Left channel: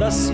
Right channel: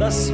10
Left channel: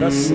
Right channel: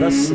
10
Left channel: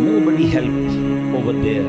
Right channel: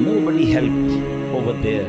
Nobody help over there।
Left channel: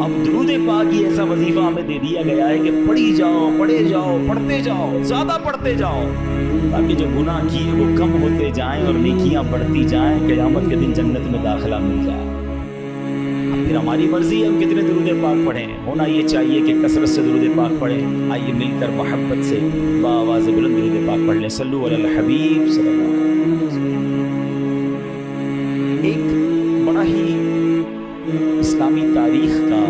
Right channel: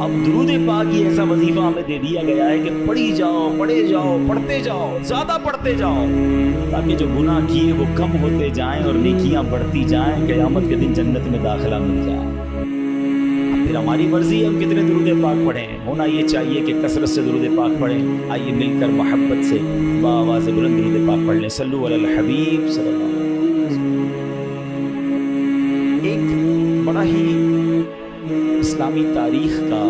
اب درود پاک یہ ایسا وظیفہ ہمیں دے دیا گیا ہے کہ پڑھی جاؤ، پڑھے جاؤ، پڑھتے جاؤ، زیادہ پڑھتے جاؤ، تاکہ جو گناہ کیے وہ کم ہوتے جائیں اور نیکیاں بڑھتی جائیں، قیامت کے دن جنت میں داخلہ مل جائے۔ اب پھر ہماری مرضی ہے ہم کتنے درود پاک پڑھیں، ہونا یہ چاہیے کہ کثرت سے درود پاک پڑھیں۔ آئیے مل کر محبت سے بآواز بلند درود پاک پڑھ لیں۔ صلو علی الحبیب صلی اللہ علیہ وسلم۔ ایک بڑا ہی اسلامی تاریخ کا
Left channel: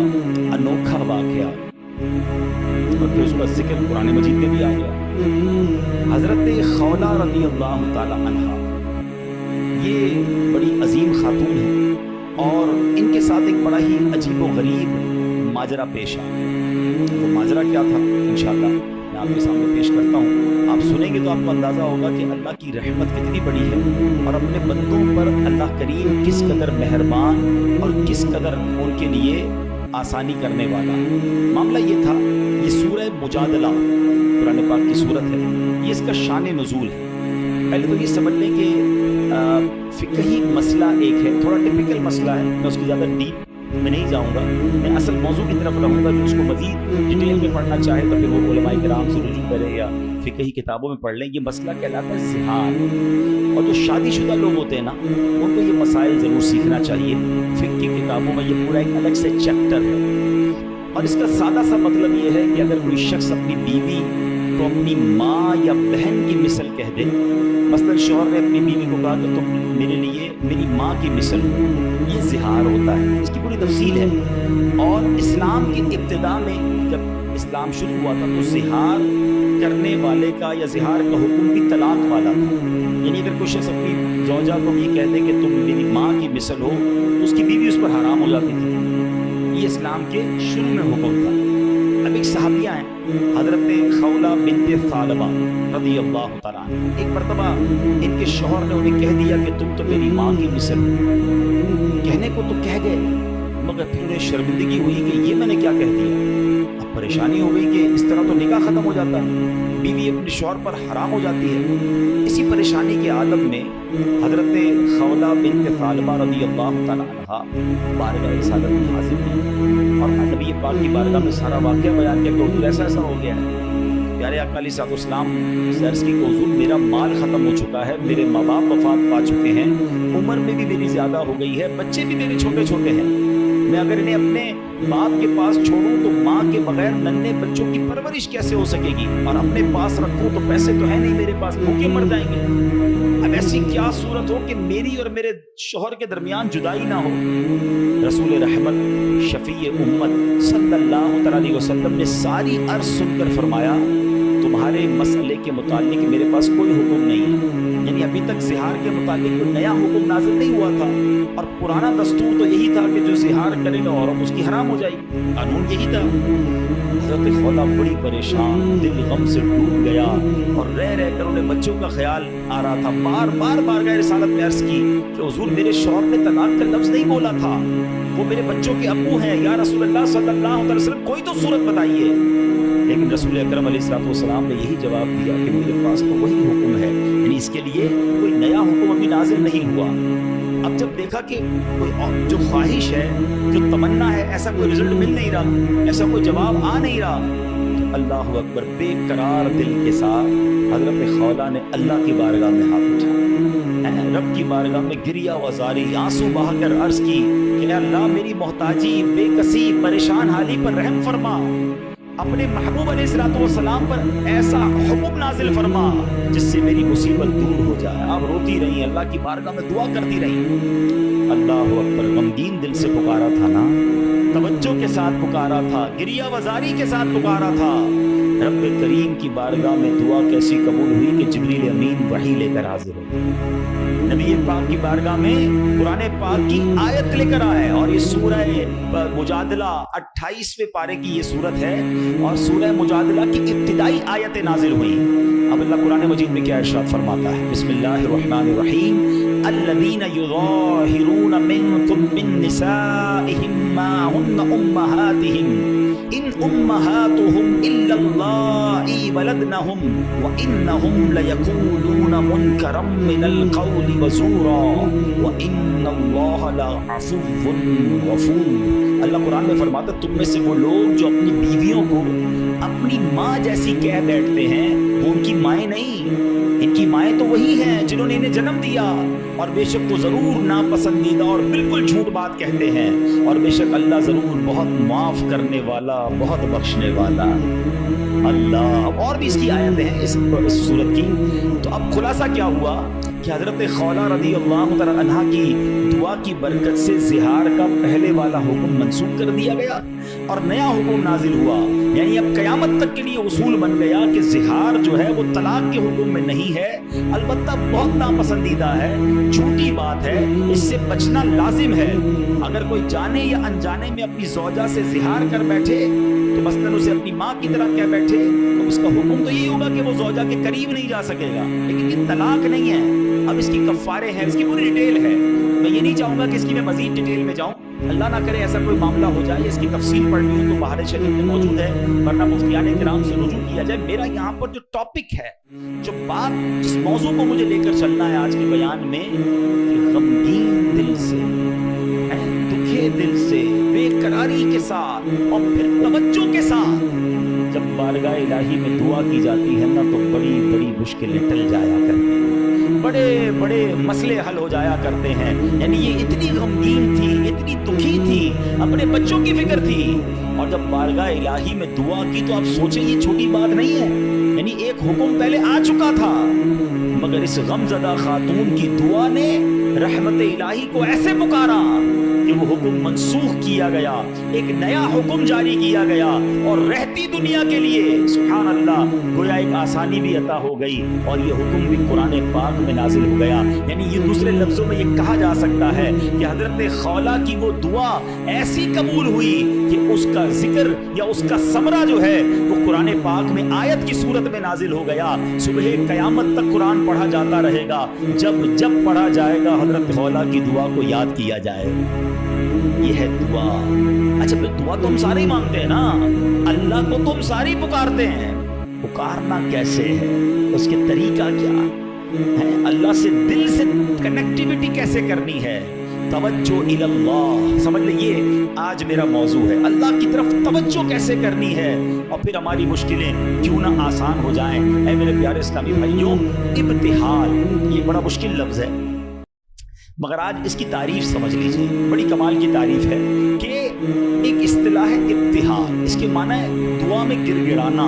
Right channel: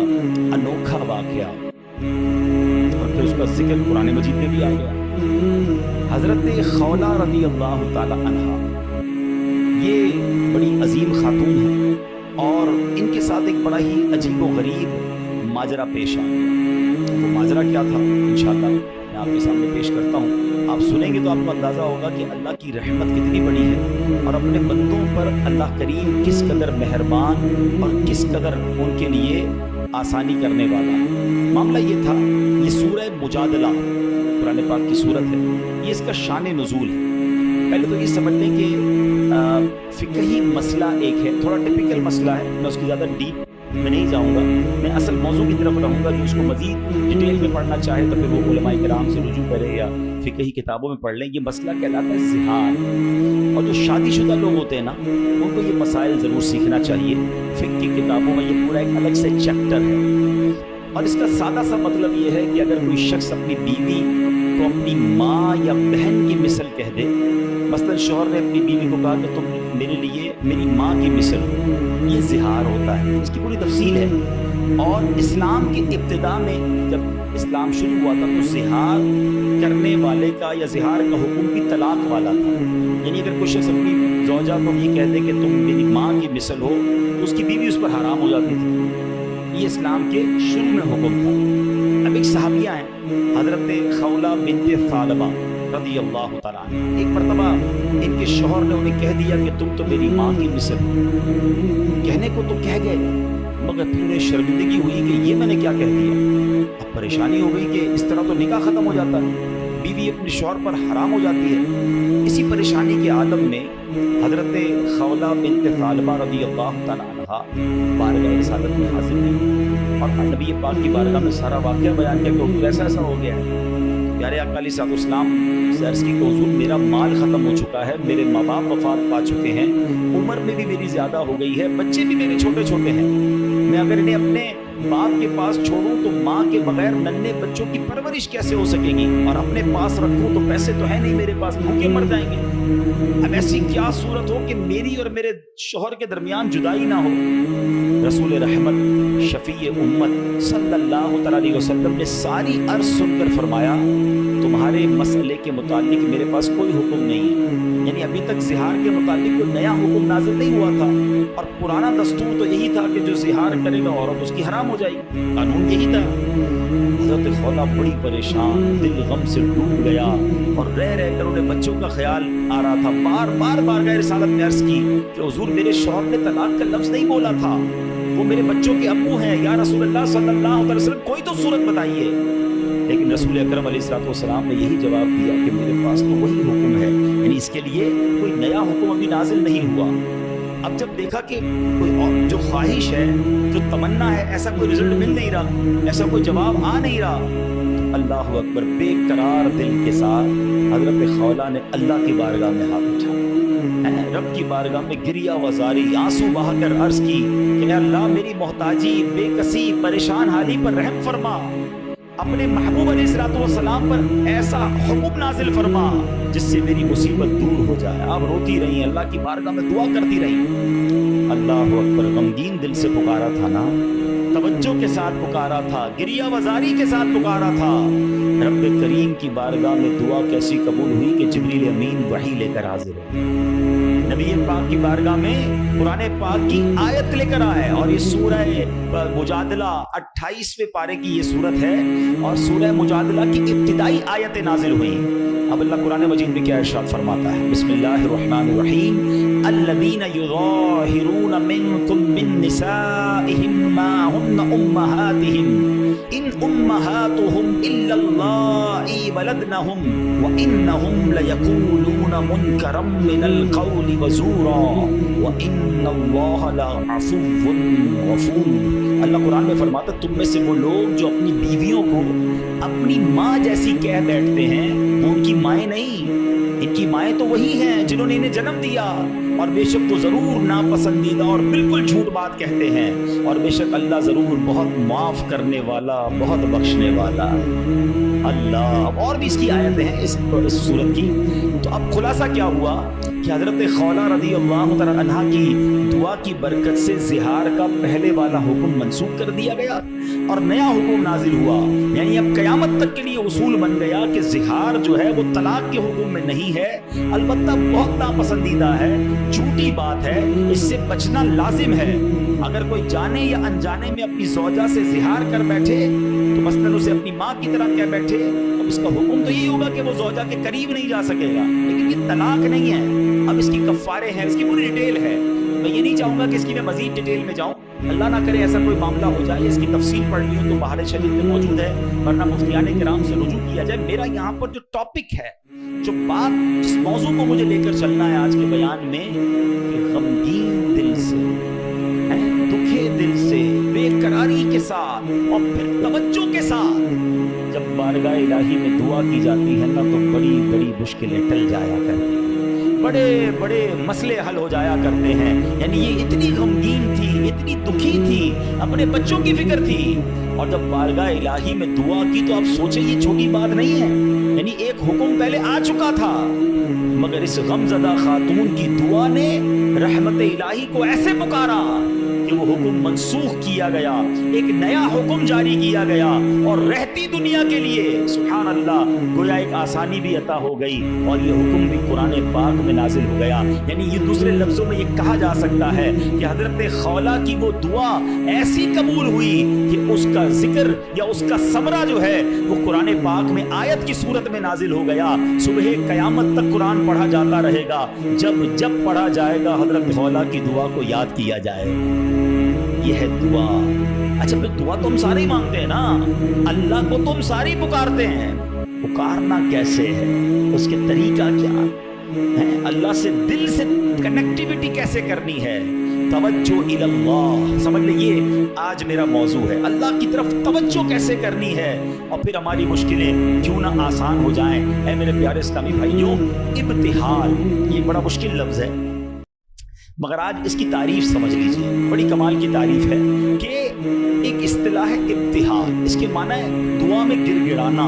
انوکھا واقعہ اور پھر اس کا ذکر قرآن مجید میں بھی آ گیا۔ حضرت خولہ رضی اللہ تعالی عنہا یہ بڑی عظیم خاتون ہیں اور ان کے ساتھ ایک بڑا ہی عجیب و غریب ماجرا پیش آ گیا۔ وہ ماجرا کیا تھا انشاءاللہ میں آپ کے سامنے پیش کرتا ہوں۔ آپ سنیں گے تو آپ کو اندازہ ہوگا کہ اللہ کی رحمت کتنی بڑی ہے اور اپنے بندوں پر اللہ کریم کس قدر مہربان اور کس قدر ان کے لیے آسانی کرنے والا ہے۔ معاملہ یہ تھا، یہ سورہ مجادلہ قرآن پاک کی سورت ہے، یہ اس کا شان نزول ہے۔ پہلے تو یہ سمجھ لیں کہ فقہی مسئلہ ایک ہے، تھوڑا ٹپیکل مسئلہ ہے، میں اس کی زیادہ ڈیپ میں نہیں جاؤں گا، میں اصل موضوع کی طرف رہوں گا۔ جو اس کو مزید ڈیٹیل میں پڑھنا چاہے تو پھر وہ علماء کرام سے رجوع کرے یا فقہی کتابوں میں پڑھ لیں۔ یہ مسئلہ کہلاتا ہے زہار، اور جو شادی شدہ لوگ ہوتے ہیں نا ان کو یہ مسائل ضرور سیکھنا چاہیے۔ فقہ کی کتابوں میں یہ پورا ایک الگ سے چیپٹر ہے، اور اس کا سادہ سا مطلب یہ ہے کہ اگر کوئی شخص اپنی بیوی کو اپنی ماں یا بہن کی مثل کہہ دے، مثلا شوہر نے اپنی بیوی کو کہا کہ تم میرے لیے میری ماں کی مثل ہو، یہ زہار ہوتا ہے۔ اس کی پوری تفصیل ہے، اور اسلام کی ابتدا میں جب اسلام شروع ہوا تھا تو زہار کرنے والے کا یا زہار کا حکم بھی طلاق والا تھا۔ یعنی اگر کوئی شخص اپنی زوجہ کو یہ کہہ دے کہ تم میری ماں کی مثل ہو تو اس کی بیوی اس پر حرام ہو جاتی تھی۔ یہ اسلام کے شروع میں حکم تھا۔ اب ایک صحابیہ ہیں حضرت خولہ بنت ثعلبہ رضی اللہ تعالیٰ عنہ، ایک مرتبہ ان کے شوہر نے انہیں کہہ دیا کہ تم تو میری ماں کی مثل ہو۔ کہنے کو تو کہہ گئے مگر پھر انہیں شرمندگی ہوئی کہ یہ میں نے کیا کہہ دیا۔ اب پریشانی ہو گئی کہ اس طرح تو نکاح ختم ہو جاتا ہے، بیوی اپنے شوہر پر حرام ہو جاتی ہے۔ اسی پریشانی کے عالم میں حضرت خولہ بنت ثعلبہ رضی اللہ تعالیٰ عنہ بارگاہ رسالت میں حاضر ہوئی اور نبی پاک کی بارگاہ میں سارا واقعہ بیان کیا کہ حضور ایسا ایسا ہو گیا ہے۔ پیارے آقا علیہ الصلوۃ والسلام سے عرض کی کہ حضور میرا مال ختم ہو چکا ہے، میرے ماں باپ وفات پا چکے ہیں، عمر میں بھی میری زیادہ ہو گئی ہے، بچے بھی میرے چھوٹے چھوٹے ہیں، میں اگر انہیں اپنے باپ کے پاس چھوڑوں تو ماں کے بغیر ننھے بچوں کی پرورش کیسے ہو سکے گی، اور اپنے پاس رکھوں تو پیسے تو ہے نہیں میرے پاس، بھوکے مر جائیں گے۔ اب ایسی کیا صورت ہو کہ میری اور میرے شوہر کے درمیان جدائی نہ ہو۔ رسول رحمت شفیع امت صلی اللہ علیہ وسلم نے ساری عرض سن کر فرمایا تمہارے مسئلے کے متعلق میرے پاس کوئی حکم نہیں ہے، یعنی ابھی تک زہار کے متعلق کوئی نیا حکم نازل نہیں ہوا تھا، اور پرانا دستور تو یہی تھا کہ جو زہار کرے گا عورت اس کی حرام ہو جائے گی، قانون یہی تھا۔ حضرت خولہ بڑی پریشان، دل غم سے ڈوب گیا، اور رہ کر انہیں بچوں کا خیال آ رہا تھا۔ بار بار بارگاہ رسالت میں عرض کی کہ حضور میرے شوہر نے طلاق کا لفظ نہیں بولا تھا، وہ میرے بچوں کے ابو ہیں، یا رسول اللہ صلی اللہ علیہ وسلم کوئی تو صورت بتائیے۔ لیکن رسول اکرم علیہ الصلوۃ والسلام نے یہی جواب دیا کہ میرے پاس تو وہی حکم ہے، یعنی اس کے لیے کوئی نیا حکم ابھی نازل نہیں ہوا۔ اب جب دیکھا کہ کوئی جو خواہش ہے، جو تمنا ہے، ایسا کوئی رزلٹ مل نہیں رہا، ایسا کوئی جواب آ نہیں رہا، تو اللہ اکبر، بے قرار دل کے ساتھ حضرت خولہ نے اللہ کی بارگاہ میں ہاتھ اٹھایا، رب کی بارگاہ میں گریہ وزاری، آنسو بہا کر عرض کی کہ اللہ میری محتاجی، بے کسی، پریشان حالی پر رحم فرما، اپنے محبوب علیہ الصلوۃ والسلام پر ایسا حکم نازل فرما جس سے میری مصیبت دور ہو جائے۔ آپ روتی رہی، اللہ کی بارگاہ میں دعا کرتی رہی۔ اللہ اکبر، غمگین دل سے پکارا تھا نا، توجہ کے ساتھ پکارا تھا، گریہ وزاری کے ساتھ پکارا تھا۔ رب کریم کی بارگاہ میں دعا کیسی قبول ہوئی کہ جبریل امین وحی لے کر حاضر ہو، نبی پاک کی بارگاہ میں قرآن پاک کی آیت لے کر آئے، اور یہ سورہ مجادلہ 28ویں پارے کی یہ سورت ہے، اور سورہ مجادلہ کی ابتدائی آیتیں نازل ہوئیں۔ اب اللہ قرآن مجید میں کیا ارشاد فرماتا ہے؟ بسم اللہ الرحمن الرحیم، الذین یظاہرون منکم من نسائہم ما ہن امہاتہم ان امہاتہم الا اللائی ولدنہم وانہم لیقولون منکرا من القول وزورا وان اللہ لعفو غفور۔ اللہ قرآن میں فرماتا تم میں سے وہ لوگ جو اپنی بیویوں کو اپنی ماں جیسی کہہ بیٹھتے ہیں وہ ان کی مائیں نہیں، ان کی مائیں تو وہی ہیں جنہوں نے انہیں جنم دیا، اور بے شک وہ ضرور ناپسندیدہ اور بالکل جھوٹ بات کہتے ہیں، اور بے شک اللہ ضرور بہت معاف کرنے والا بہت بخشنے والا اللہ۔ اور بھی اس کی آیتیں ہیں اس سورت کی۔ تو اب خلاصہ کیا ہوا کہ حضرت خولہ رضی اللہ تعالی عنہا کی دعا کی برکت سے زہار کا پہلے والا حکم منسوخ کر دیا گیا اور نیا حکم نازل ہوا، یعنی اب قیامت تک کے لیے اصول بن گیا کہ زہار جو ہے وہ طلاق کے حکم میں نہیں ہے، البتہ بہت ناپسندیدہ ہے، جھوٹی بات ہے، اس سے بچنا لازم ہے۔ اگر کوئی جانے یا انجانے میں اپنی زوجہ سے زہار کر بیٹھے تو مثلاً اسے اپنی ماں کی طرح کہہ بیٹھے تو اس کا حکم تو یہی ہوگا کہ وہ زوجہ کے قریب نہیں جا سکے گا، لیکن یہ طلاق نہیں ہے۔ اب اس کی کفارے ہیں، اس کی پوری ڈیٹیل ہے، میں یہ نہیں چاہوں گا کہ اس کی میں مزید ڈیٹیل میں جاؤں، اللہ نہ کرے ایسا کوئی معاملہ ہو جائے، اس کی تفصیل پڑھنی ہو تو بحر شریف میں موجود ہے، ورنہ مفتیان کرام سے رجوع کیا جائے۔ میرا یہاں پر جو ٹاپک ہے، جو بات جس موضوع کو مجھے لے کر چلنا ہے آج کے بیان میں، کہ غمگین دل سے، دکھے دل سے، بے قراری کے ساتھ اور پھر توجہ کے ساتھ جب بارگاہ الہی میں دعا کی جاتی ہے نا تو بڑی بڑی مشکلیں ٹل جایا کرتی ہیں، بڑے بڑے مسئلے حل ہو جایا کرتے ہیں۔ یعنی یہ اتنی غمگین تھی، اتنی دکھی تھی، اپنے بچوں کی فکر تھی، اور جب بارگاہ الہی میں دعا کی تو آپ سوچیں یہ چھوٹی بات نہیں ہے، یعنی ایک حکم پہلے آ چکا تھا، مگر اس غمزدہ خاتون کی دعا نے رحمت الہی کو ایسے پکارا کہ وہ حکم منسوخ کیا گیا، ایک نیا حکم جاری کیا گیا، اور رہتی دنیا کے لیے سبحان اللہ گویا ایک آسانی بھی عطا ہو گئی، اور یہ حکم بھی قرآن پاک میں نازل ہو گیا۔ یعنی یہ دوسرے لفظوں میں یہ کہا جا سکتا ہے کہ حضرت خولہ کی وہ دعا ایسی قبول ہوئی کہ اس کا ذکر یا اس کا ثمرہ جو ہے وہ قرآن پاک میں آیت کی صورت میں نازل ہو گیا۔ صبح قیامت تک قرآن پڑھا جاتا رہے گا، جب جب پڑھا جائے گا حضرت خولہ کی دعا کو یاد کیا جائے گا۔ یہ ہے دعا۔ اچھا پھر دعا تو ہم سارے ہی مانگتے ہیں نا، اللہ کو تو ہم سارے ہی پکارتے ہیں، پکارنا کیسے ہے، اس کے طریقہ کیا ہے، اللہ سے دل سے کنیکٹیویٹی کیسے کرنی ہے، توجہ الی اللہ، سمجھ لیجیے آج میرا موضوع ہے اللہ کی طرف توجہ کیسے کرنی ہے، اور پھر ہماری مشکلیں کیوں نہ آسان ہو جائیں۔ اے میرے پیارے اسلامی بھائیوں، ابتہال یہ بڑا مشکل لفظ ہے، مگر آج اس کی تعریف سمجھ لیجئے، بڑی کمال کی تعریف ہے کہ ایک اصطلاح ہے ابتہال، اس کے معنی ہے دعا میں گر گڑانا،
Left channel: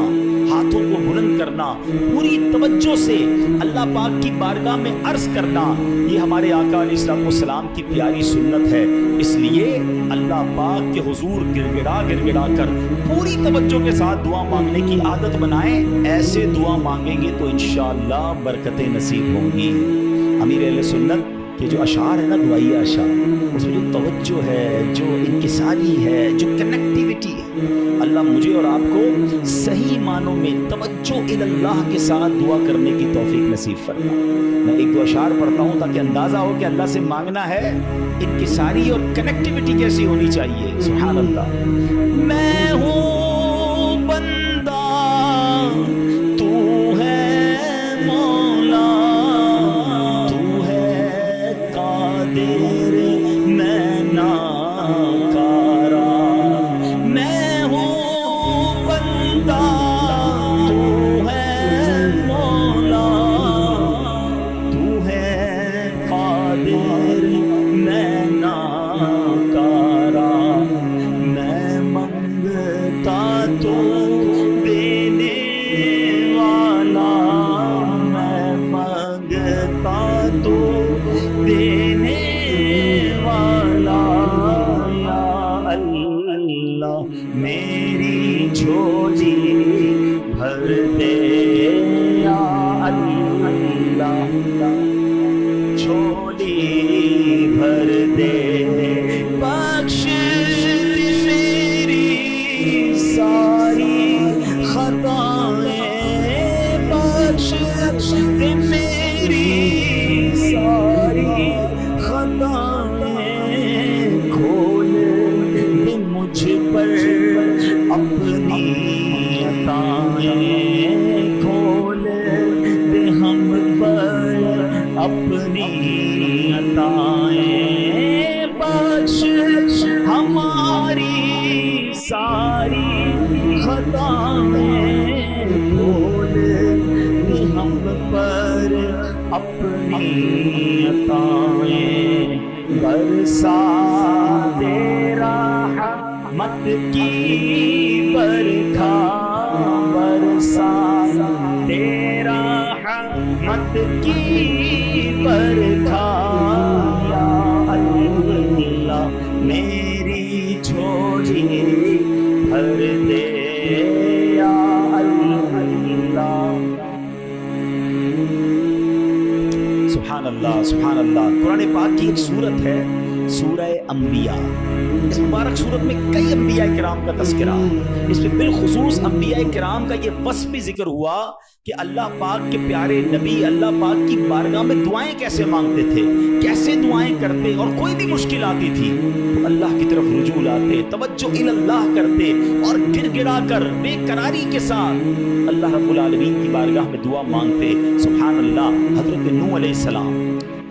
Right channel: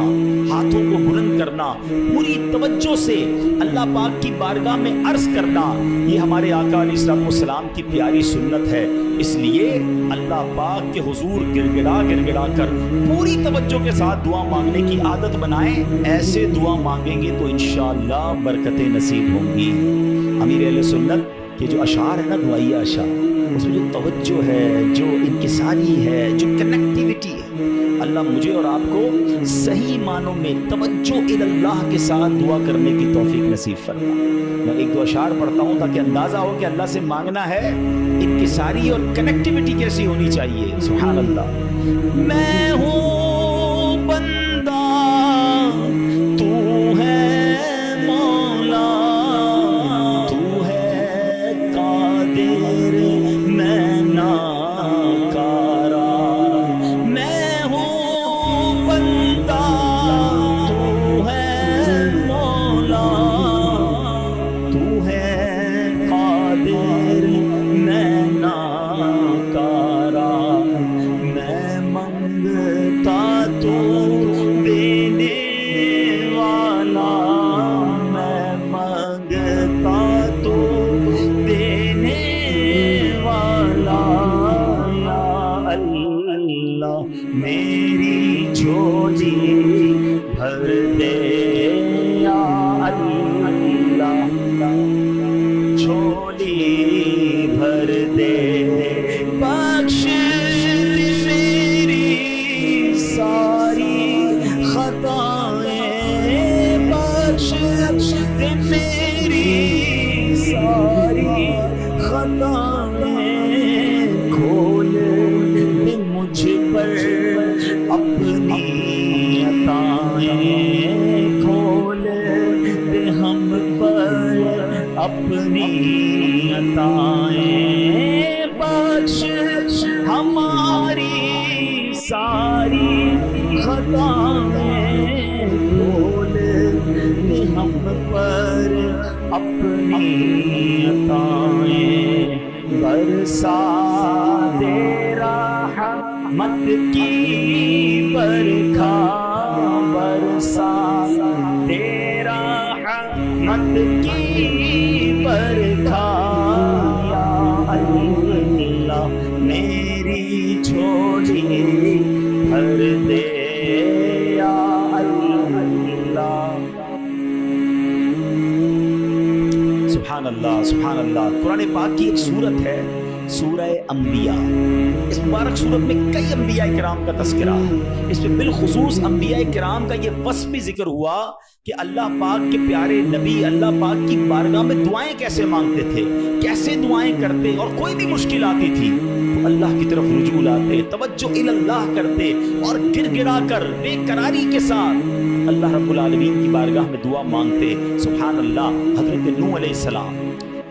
ہاتھوں کو بلند کرنا، پوری توجہ سے اللہ پاک کی بارگاہ میں عرض کرنا، یہ ہمارے آقا علیہ السلام کی پیاری سنت ہے۔ اس لیے اللہ پاک کے حضور گر گڑا کر پوری توجہ کے ساتھ دعا مانگنے کی عادت بنائیں، ایسے دعا مانگیں گے تو انشاءاللہ برکتیں نصیب ہوں گی۔ امیر اہل سنت کہ جو اشعار ہے نا، دعائیہ اشعار، اس میں جو توجہ ہے، جو انکساری ہے، جو کنیکٹیویٹی ہے، اللہ مجھے اور آپ کو صحیح معنوں میں توجہ الی اللہ کے ساتھ دعا کرنے کی توفیق نصیب فرما۔ میں ایک دو اشعار پڑھتا ہوں تاکہ اندازہ ہو کہ اللہ سے مانگنا ہے انکساری اور کنیکٹیویٹی کیسی ہونی چاہیے۔ سبحان اللہ۔ میں ہوں بندہ تو ہے مولا، دیر میں ناکارا، میں ہوں بندہ تو ہے مولا، تو ہے قادر میں ناکارا، میں منگتا تو دینے والا، میں منگتا تو دینے والا، یا اللہ میری جھولی بھر دے، یا اللہ جھولی بھر دے، بخش میری ساری خطائیں، بخش میری ساری عطائیں کھول دے ہم پر اپنی عطائیں، بخش ہماری ساری خطائیں، کھول دے ہم پر اپنی عطائیں، برسا دے رحمت کی برکھا، برسا دے رحمت کی برکھا، یا اللہ میری جھولی بھر دے، یا اللہ۔ سبحان اللہ سبحان اللہ۔ قرآن پاک کی ایک سورت ہے سورہ انبیاء، اس مبارک سورت میں کئی انبیاء کرام کا تذکرہ ہے، اس میں بالخصوص انبیاء کرام کا یہ وصف بھی ذکر ہوا کہ اللہ پاک کے پیارے نبی اللہ پاک کی بارگاہ میں دعائیں کیسے مانگتے تھے، کیسے دعائیں کرتے، اور کوئی بھی مشکل آتی تھی تو اللہ کی طرف رجوع لاتے، توجہ اللہ کرتے، اور گر گڑا کر بے قراری کے ساتھ اللہ رب العالمین کی بارگاہ میں دعا مانگتے۔ سبحان اللہ۔ حضرت نوح علیہ السلام،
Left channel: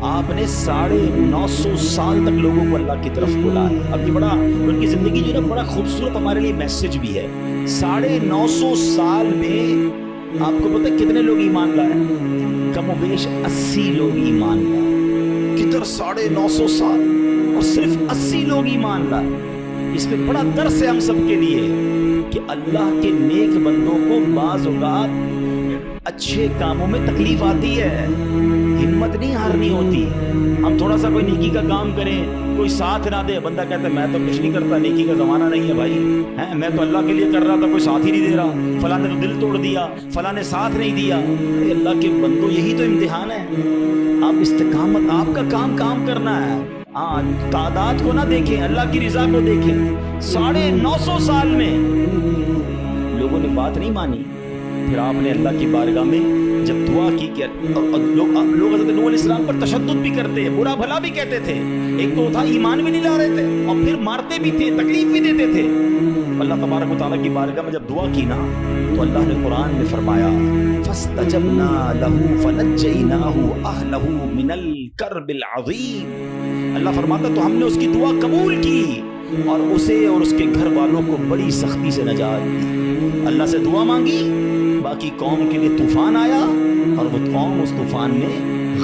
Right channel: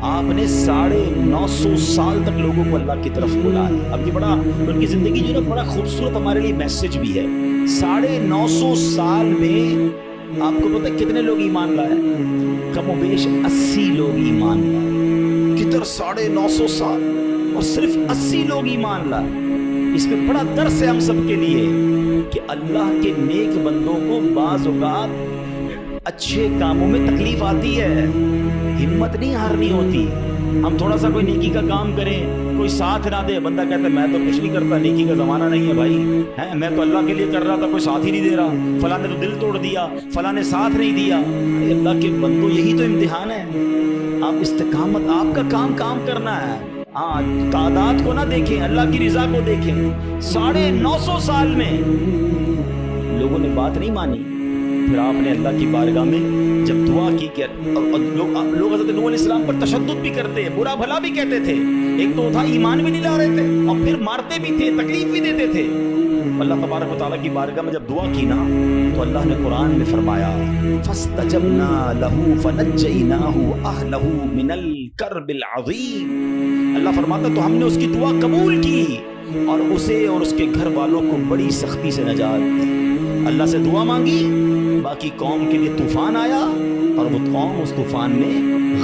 آپ نے 950 سال تک لوگوں کو اللہ کی طرف بلایا۔ اب یہ بڑا ان کی زندگی جو ہے نا بڑا خوبصورت ہمارے لیے میسج بھی ہے۔ 950 سال میں آپ کو پتہ ہے کتنے لوگ ایمان لائے؟ کم و بیش 80 لوگ ایمان لائے۔ کدھر 950 سال اور صرف 80 لوگ ایمان لائے؟ اس میں بڑا درس ہے ہم سب کے لیے کہ اللہ کے نیک بندوں کو بعض اوقات اچھے کاموں میں تکلیف آتی ہے، ہمت نہیں ہارنی ہوتی۔ ہم تھوڑا سا کوئی نیکی کا کام کریں، کوئی ساتھ نہ دے، بندہ کہتا ہے میں تو کچھ نہیں کرتا، نیکی کا زمانہ نہیں ہے بھائی، میں تو اللہ کے لیے کر رہا تھا، کوئی ساتھ ہی نہیں دے رہا، فلاں نے تو دل توڑ دیا، فلاں نے ساتھ نہیں دیا۔ ارے اللہ کے بندو یہی تو امتحان ہے، آپ استقامت، آپ کا کام کرنا ہے۔ تعداد کو نہ دیکھیں، اللہ کی رضا کو دیکھیں۔ 950 سال میں لوگوں نے بات نہیں مانی، پھر آپ نے اللہ کی بارگاہ میں جب دعا کی کہ لوگ حضرت نوح علیہ السلام پر تشدد بھی کرتے، برا بھلا بھی کہتے تھے، ایک تو تھا ایمان بھی نہیں لا رہے تھے اور پھر مارتے بھی تھے، تکلیف بھی دیتے تھے۔ اللہ تبارک و تعالیٰ کی بارگاہ میں جب دعا کی نا تو اللہ نے قرآن میں فرمایا فاستجبنا له فنجیناہ اہلہ من الکرب العظیم۔ اللہ فرماتا تو ہم نے اس کی دعا قبول کی اور اسے اور اس کے گھر والوں کو بڑی سختی سے نجات دی۔ اللہ سے دعا مانگی، باقی قوم کے لیے طوفان آیا اور وہ قوم اس طوفان میں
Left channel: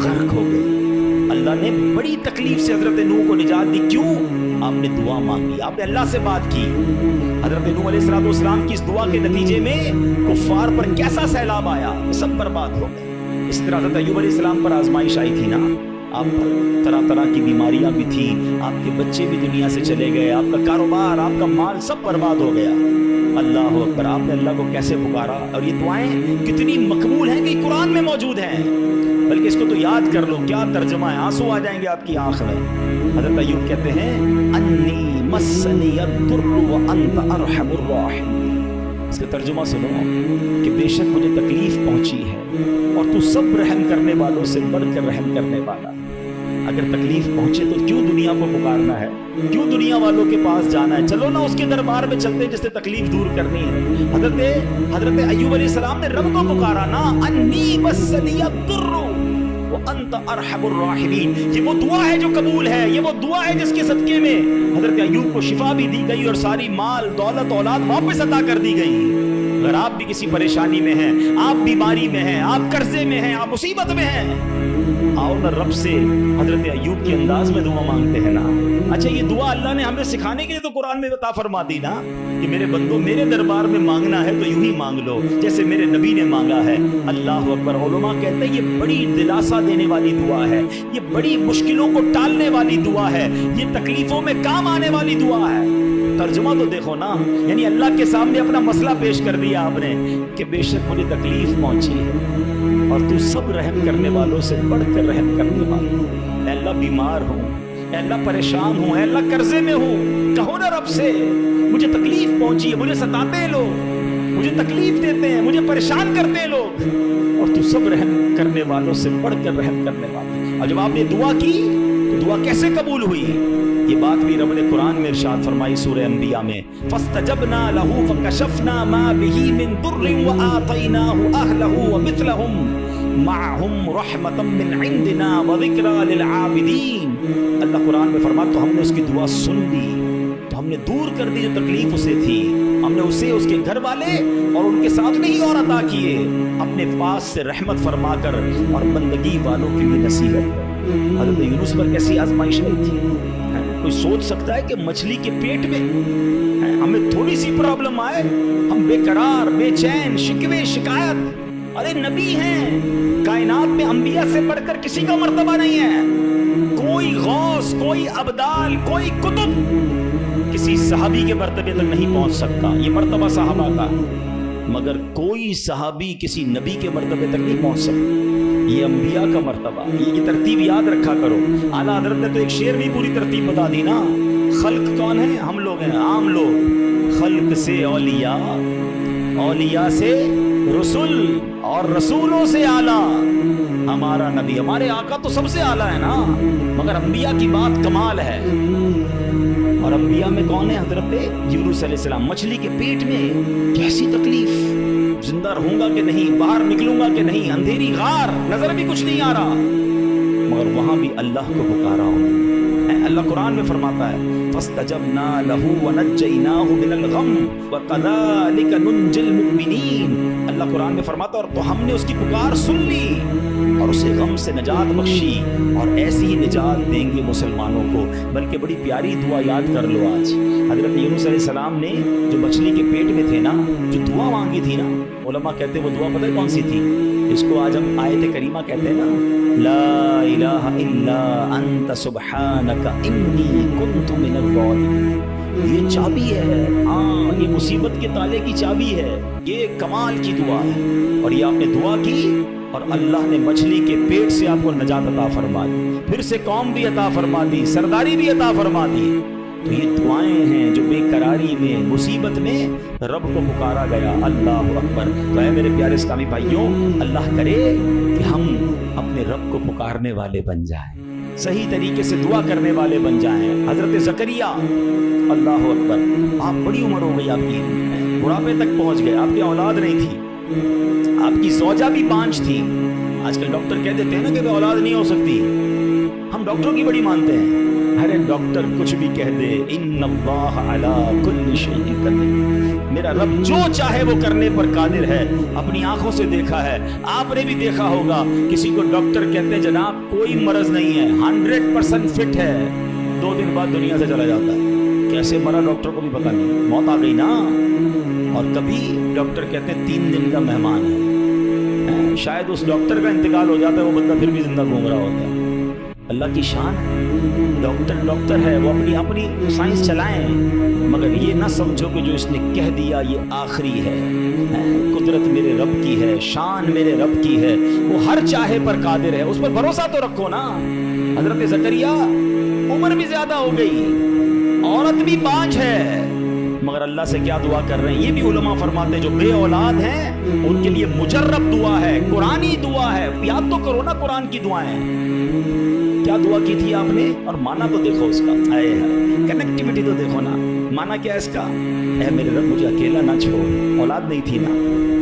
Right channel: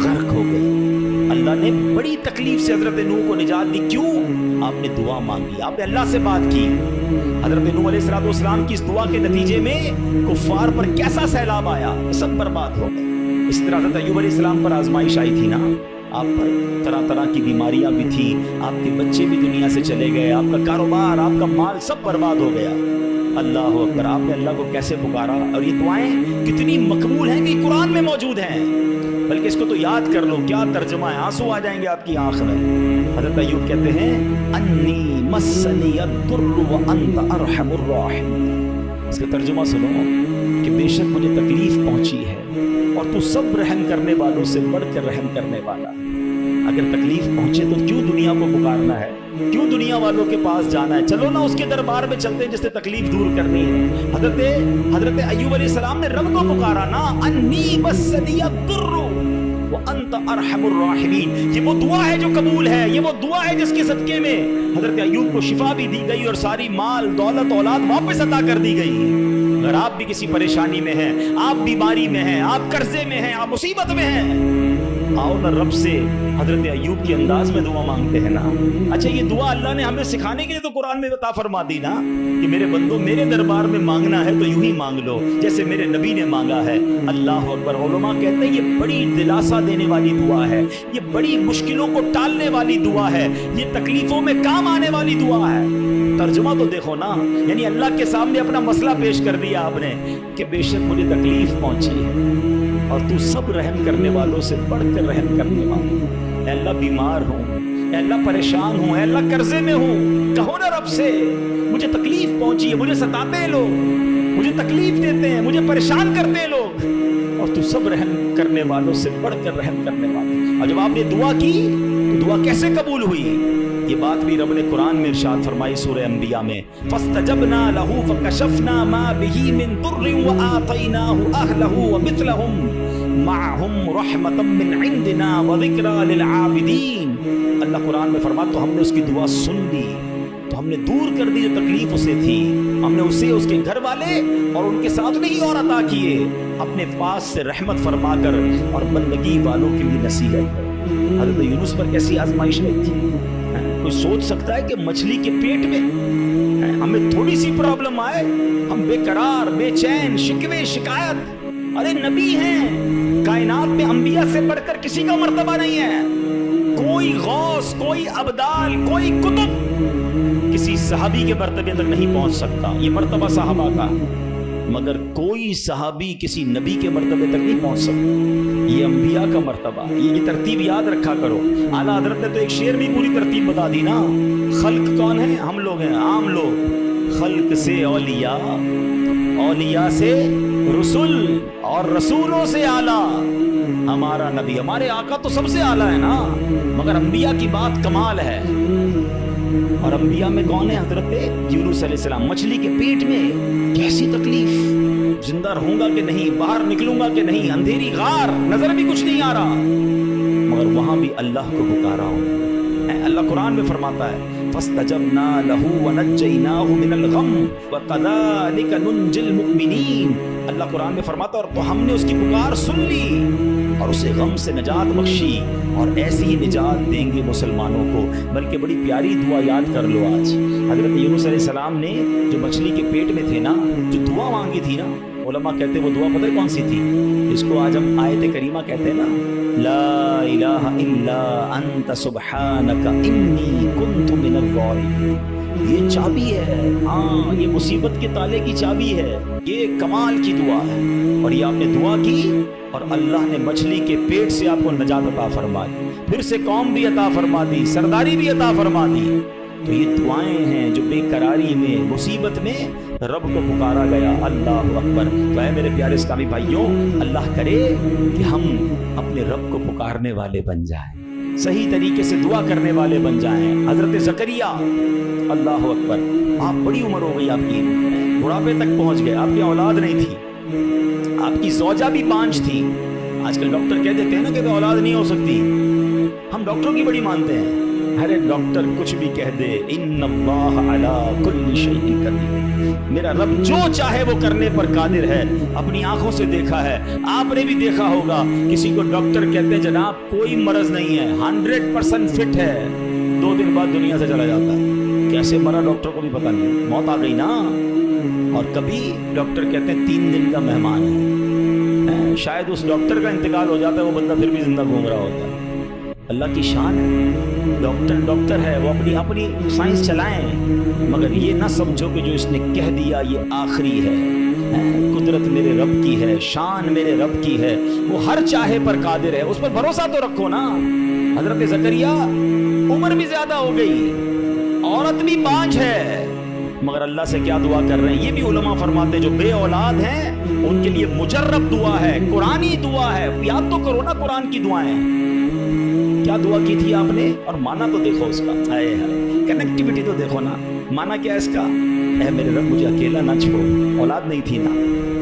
غرق ہو گئی۔ اللہ نے بڑی تکلیف سے حضرت نوح کو نجات دی، کیوں؟ آپ نے دعا مانگی، آپ نے اللہ سے بات کی۔ حضرت نوح علیہ السلام کی اس دعا کے نتیجے میں کفار پر کیسا سیلاب آیا، سب برباد ہو گئے۔ اسی طرح حضرت ایوب علیہ السلام پر آزمائش آئی تھی نا، آپ پر طرح طرح کی بیماریاں بھی تھی، آپ کے بچے بھی دنیا سے چلے گئے، آپ کا کاروبار، آپ کا مال سب برباد ہو گیا۔ اللہ اکبر، آپ نے اللہ کو کیسے پکارا، اور یہ دعائیں کتنی مقبول ہیں کہ قرآن میں موجود ہیں، بلکہ اس کو تو یاد کر لو، کیا ترجمہ ہے، آنسو آ جائیں گے آپ کی آنکھ میں۔ حضرت ایوب کہتے ہیں انی مسنی الضر وانت ارحم الراحمین، اس کا ترجمہ سنو کہ بے شک مجھے تکلیف پہنچی ہے اور تو سب رحم کرنے والوں سے بڑھ کر رحم کرنے والا۔ اگر تکلیف پہنچے تو کیوں دنیا کو پکارنا ہے، کیوں دنیا والوں کے پاس جانا ہے؟ چلو نا اس کے دربار میں چلتے ہیں جس سے تکلیف دور کرنی ہے۔ حضرت ایوب علیہ السلام نے رب کو پکارا نا، انی مسنی الضر وانت ارحم الراحمین۔ یہ وہ دعا ہے جو قبول ہے، یہ وہ دعا ہے جس کے صدقے میں حضرت ایوب کو شفا بھی دی گئی اور ساری مال دولت اولاد واپس عطا کر دی گئی۔ اگر آپ بھی کسی پریشانی میں ہیں، آپ بیماری میں ہیں، آپ قرضے میں ہیں، آپ مصیبت میں ہیں، آؤ نا رب سے حضرت ایوب کے انداز میں دعا مانگتے ہیں نا۔ اچھا یہ دعا اللہ نے ہمیں سکھانے کے لیے تو قرآن میں عطا فرما دی نا کہ میرے بندو میرے دربار میں مانگنا ہے تو یوں ہی مانگ لو جیسے میرے نبی نے مانگا ہے۔ اللہ اکبر۔ علماء کہتے ہیں یہ بڑی دلاسا دینے والی دعا ہے، یہ بڑی مشکلوں کو ٹالنے والی دعا ہے، یہ تکلیفوں میں کام آنے والی دعا ہے۔ ترجمہ تو دیکھو نا، یعنی اللہ کے سامنے اپنا مسئلہ پیش کر دیا آپ نے کہ بے شک مجھے تکلیف پہنچی ہے اور تو سب رحم کرنے والوں سے بڑھ کر رحم کرنے والا۔ اے اللہ بیمار ہوں، اے اللہ پریشان ہوں، اے اللہ قرضے میں ہوں، کہو نا رب سے مجھے تکلیف پہنچی ہے، مجھے ستاتے ہیں لوگ، مجھے تکلیف دیتے ہیں، مجھے پریشان کرتے ہیں لوگ، اور تو سب رحم کرنے والوں سے بڑھ کر رحم کرنے والا۔ اور جب آپ نے دعا کی تو دعا کیسے قبول ہوئی؟ یہ بات بھی رب نے قرآن میں ارشاد فرمائی سورہ انبیاء میں، فاستجبنا له فكشفنا ما به من ضر وآتيناه أهله ومثلهم معهم رحمة من عندنا وذكرى للعابدين۔ اللہ قرآن میں فرماتا تو ہم نے اس کی دعا سن لی، تو ہم نے دور کر دی جو تکلیف اسے تھی، ہم نے اسے اس کے گھر والے اور ان کے ساتھ نہیں اور عطا کیے، اپنے پاس سے رحمت فرما کر اور بندگی والوں کے لیے نصیحت ہے۔ حضرت یونس پر کیسی آزمائش نہیں تھی؟ کوئی سوچ سکتا ہے کہ مچھلی کے پیٹ میں ہمیں تھوڑی سی پرابلم آئے ہم بے قرار، بے چین، شکوے، شکایت؟ ارے نبی ہیں، کائنات میں انبیاء سے بڑھ کر کسی کا مرتبہ نہیں ہے، کوئی غوث، کوئی ابدال، کوئی قطب کسی صحابی کے مرتبے تک نہیں پہنچ سکتا، یہ مرتبہ صحابہ کا، مگر کوئی صحابی کسی نبی کے مرتبے تک نہیں پہنچ سکتا، یہ انبیاء کا مرتبہ، یہ ترتیب یاد رکھا کرو۔ اعلیٰ حضرت نے تو ایک شعر بھی پوری ترتیب بتا دی نا، خلق کون ہے؟ ہم لوگ ہیں، عام لوگ، خلق سے اولیاء، اولیاء سے رسول، اور رسولوں سے اعلیٰ ہمارا نبی، ہمارے آقا تو سب سے اعلیٰ ہے نا، مگر انبیاء کی بات کمال ہے۔ اور انبیاء میں کون ہے؟ حضرت یونس علیہ السلام، مچھلی کے پیٹ میں کیسی تکلیف، زندہ رہوں گا کہ نہیں، باہر نکلوں گا کہ نہیں، اندھیری غار، نظر بھی کچھ نہیں آ رہا، مگر وہاں بھی اللہ کو پکارا ہوں۔ اللہ قرآن میں فرماتا ہے فَاسْتَجَبْنَا لَهُ وَنَجَّيْنَاهُ مِنَ الْغَمِّ وَكَذَلِكَ نُنْجِي الْمُؤْمِنِينَ۔ اللہ قرآن میں فرماتا اور تو ہم نے اس کی پکار سن لی اور اسے غم سے نجات بخشی، اور ایسی ہی نجات دیں گے مسلمانوں کو۔ بلکہ بڑی پیاری دعا یاد کر لو آج، حضرت یونس علیہ السلام نے جو مچھلی کے پیٹ میں تھے نا، جو دعا مانگی تھی نا، علماء کہتے ہیں وہ دعا پتہ ہے کون سی تھی؟ اس کو آج ہم آیت کریمہ کہتے ہیں نا، لا الہ الا انت سبحانک انی کنت من الظالمین۔ یہ چابی ہے، ہاں یہ مصیبت کے تالے کی چابی ہے، یہ کمال کی دعا ہے، اور یہ آپ نے دعا کی اور اللہ نے مچھلی کے پیٹ سے آپ کو نجات عطا فرما دی، پھر سے قوم بھی عطا فرما دی، سرداری بھی عطا فرما دی۔ تو یہ دعائیں ہیں جو بے قراری میں، مصیبت میں رب کو پکارا گیا۔ اللہ اکبر۔ تو اے میرے پیارے اسلامی بھائیوں، اللہ کرے کہ ہم اپنے رب کو پکارنے والے بن جائیں، صحیح طریقے سے دعا کرنے والے بن جائیں۔ حضرت زکریا، اللہ اکبر، آپ بڑی عمر ہو گئی، آپ کی بڑھاپے تک پہنچ گئے، آپ کی اولاد نہیں تھی، آپ کی زوجہ بھی بانجھ تھی۔ آج کل ڈاکٹر کہہ دیتے ہیں نا کہ اولاد نہیں ہو سکتی، ہم ڈاکٹروں کی بڑی مانتے ہیں، ارے ڈاکٹر کچھ بھی کہہ دے، ان اللہ علی کل شیء قدیر، میرا رب جو چاہے وہ کرنے پر قادر ہے۔ اپنی آنکھوں سے دیکھا ہے، آپ نے بھی دیکھا ہوگا، کسی کو ڈاکٹر کہتے ہیں جناب کوئی مرض نہیں ہے، 100% فٹ ہے، 2 دن بعد دنیا سے چلا جاتا ہے، کیسے مرا ڈاکٹر کو بھی پتہ نہیں، موت آ گئی نا۔ اور کبھی ڈاکٹر کہتے ہیں 3 دن کا مہمان ہے، شاید اس ڈاکٹر کا انتقال ہو جاتا ہے، وہ بندہ پھر بھی زندہ گھوم رہا ہوتا ہے۔ اللہ کی شان ہے، ڈاکٹر ہے، وہ اپنی سائنس چلائیں، مگر یہ نہ سمجھو کہ جو اس نے کہہ دیا یہ آخری ہے۔ قدرت میرے رب کی ہے، شان میرے رب کی ہے، وہ ہر چاہے پر قادر ہے، اس پر بھروسہ تو رکھو نا۔ حضرت زکریا عمر بھی زیادہ ہو گئی، عورت بھی بانجھ ہے، مگر اللہ سے کیا دعا کر رہے ہیں؟ یہ بھی علماء فرماتے ہیں جو بے اولاد ہیں ان کے لیے مجرب دعا ہے، قرآنی دعا ہے، یاد تو کرو نا قرآن کی دعائیں، کیا دعا کی تھی آپ نے؟ اور مانا تو دیکھو اس کا، ہائے ہائے، کنیکٹیوٹی تو دیکھو نا، مانا کیا اس کا؟ اے میرے رب مجھے اکیلا نہ چھوڑ، اولاد نہیں تھی نا،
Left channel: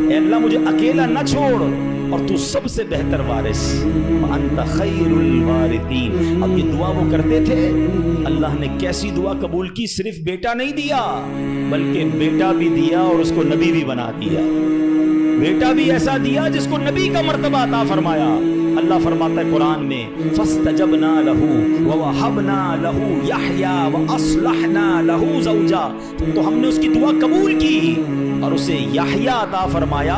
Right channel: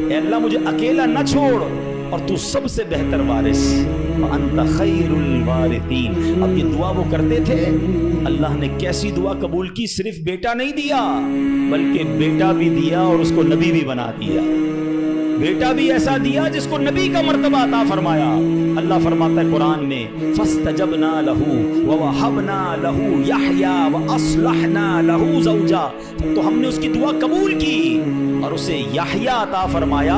اے اللہ مجھے اکیلا نہ چھوڑ، اور تو سب سے بہتر وارث، انت خیر الوارثین۔ اب یہ دعا وہ کرتے تھے، اللہ نے کیسی دعا قبول کی، صرف بیٹا نہیں دیا بلکہ بیٹا بھی دیا اور اس کو نبی بھی بنا دیا، بیٹا بھی ایسا دیا جس کو نبی کا مرتبہ عطا فرمایا۔ اللہ فرماتا ہے قرآن میں فَاسْتَجَبْنَا لَهُ وَوَهَبْنَا لَهُ يَحْيَىٰ وَأَصْلَحْنَا لَهُ زَوْجَهُ، تو ہم نے اس کی دعا قبول کی اور اسے یحییٰ عطا فرمایا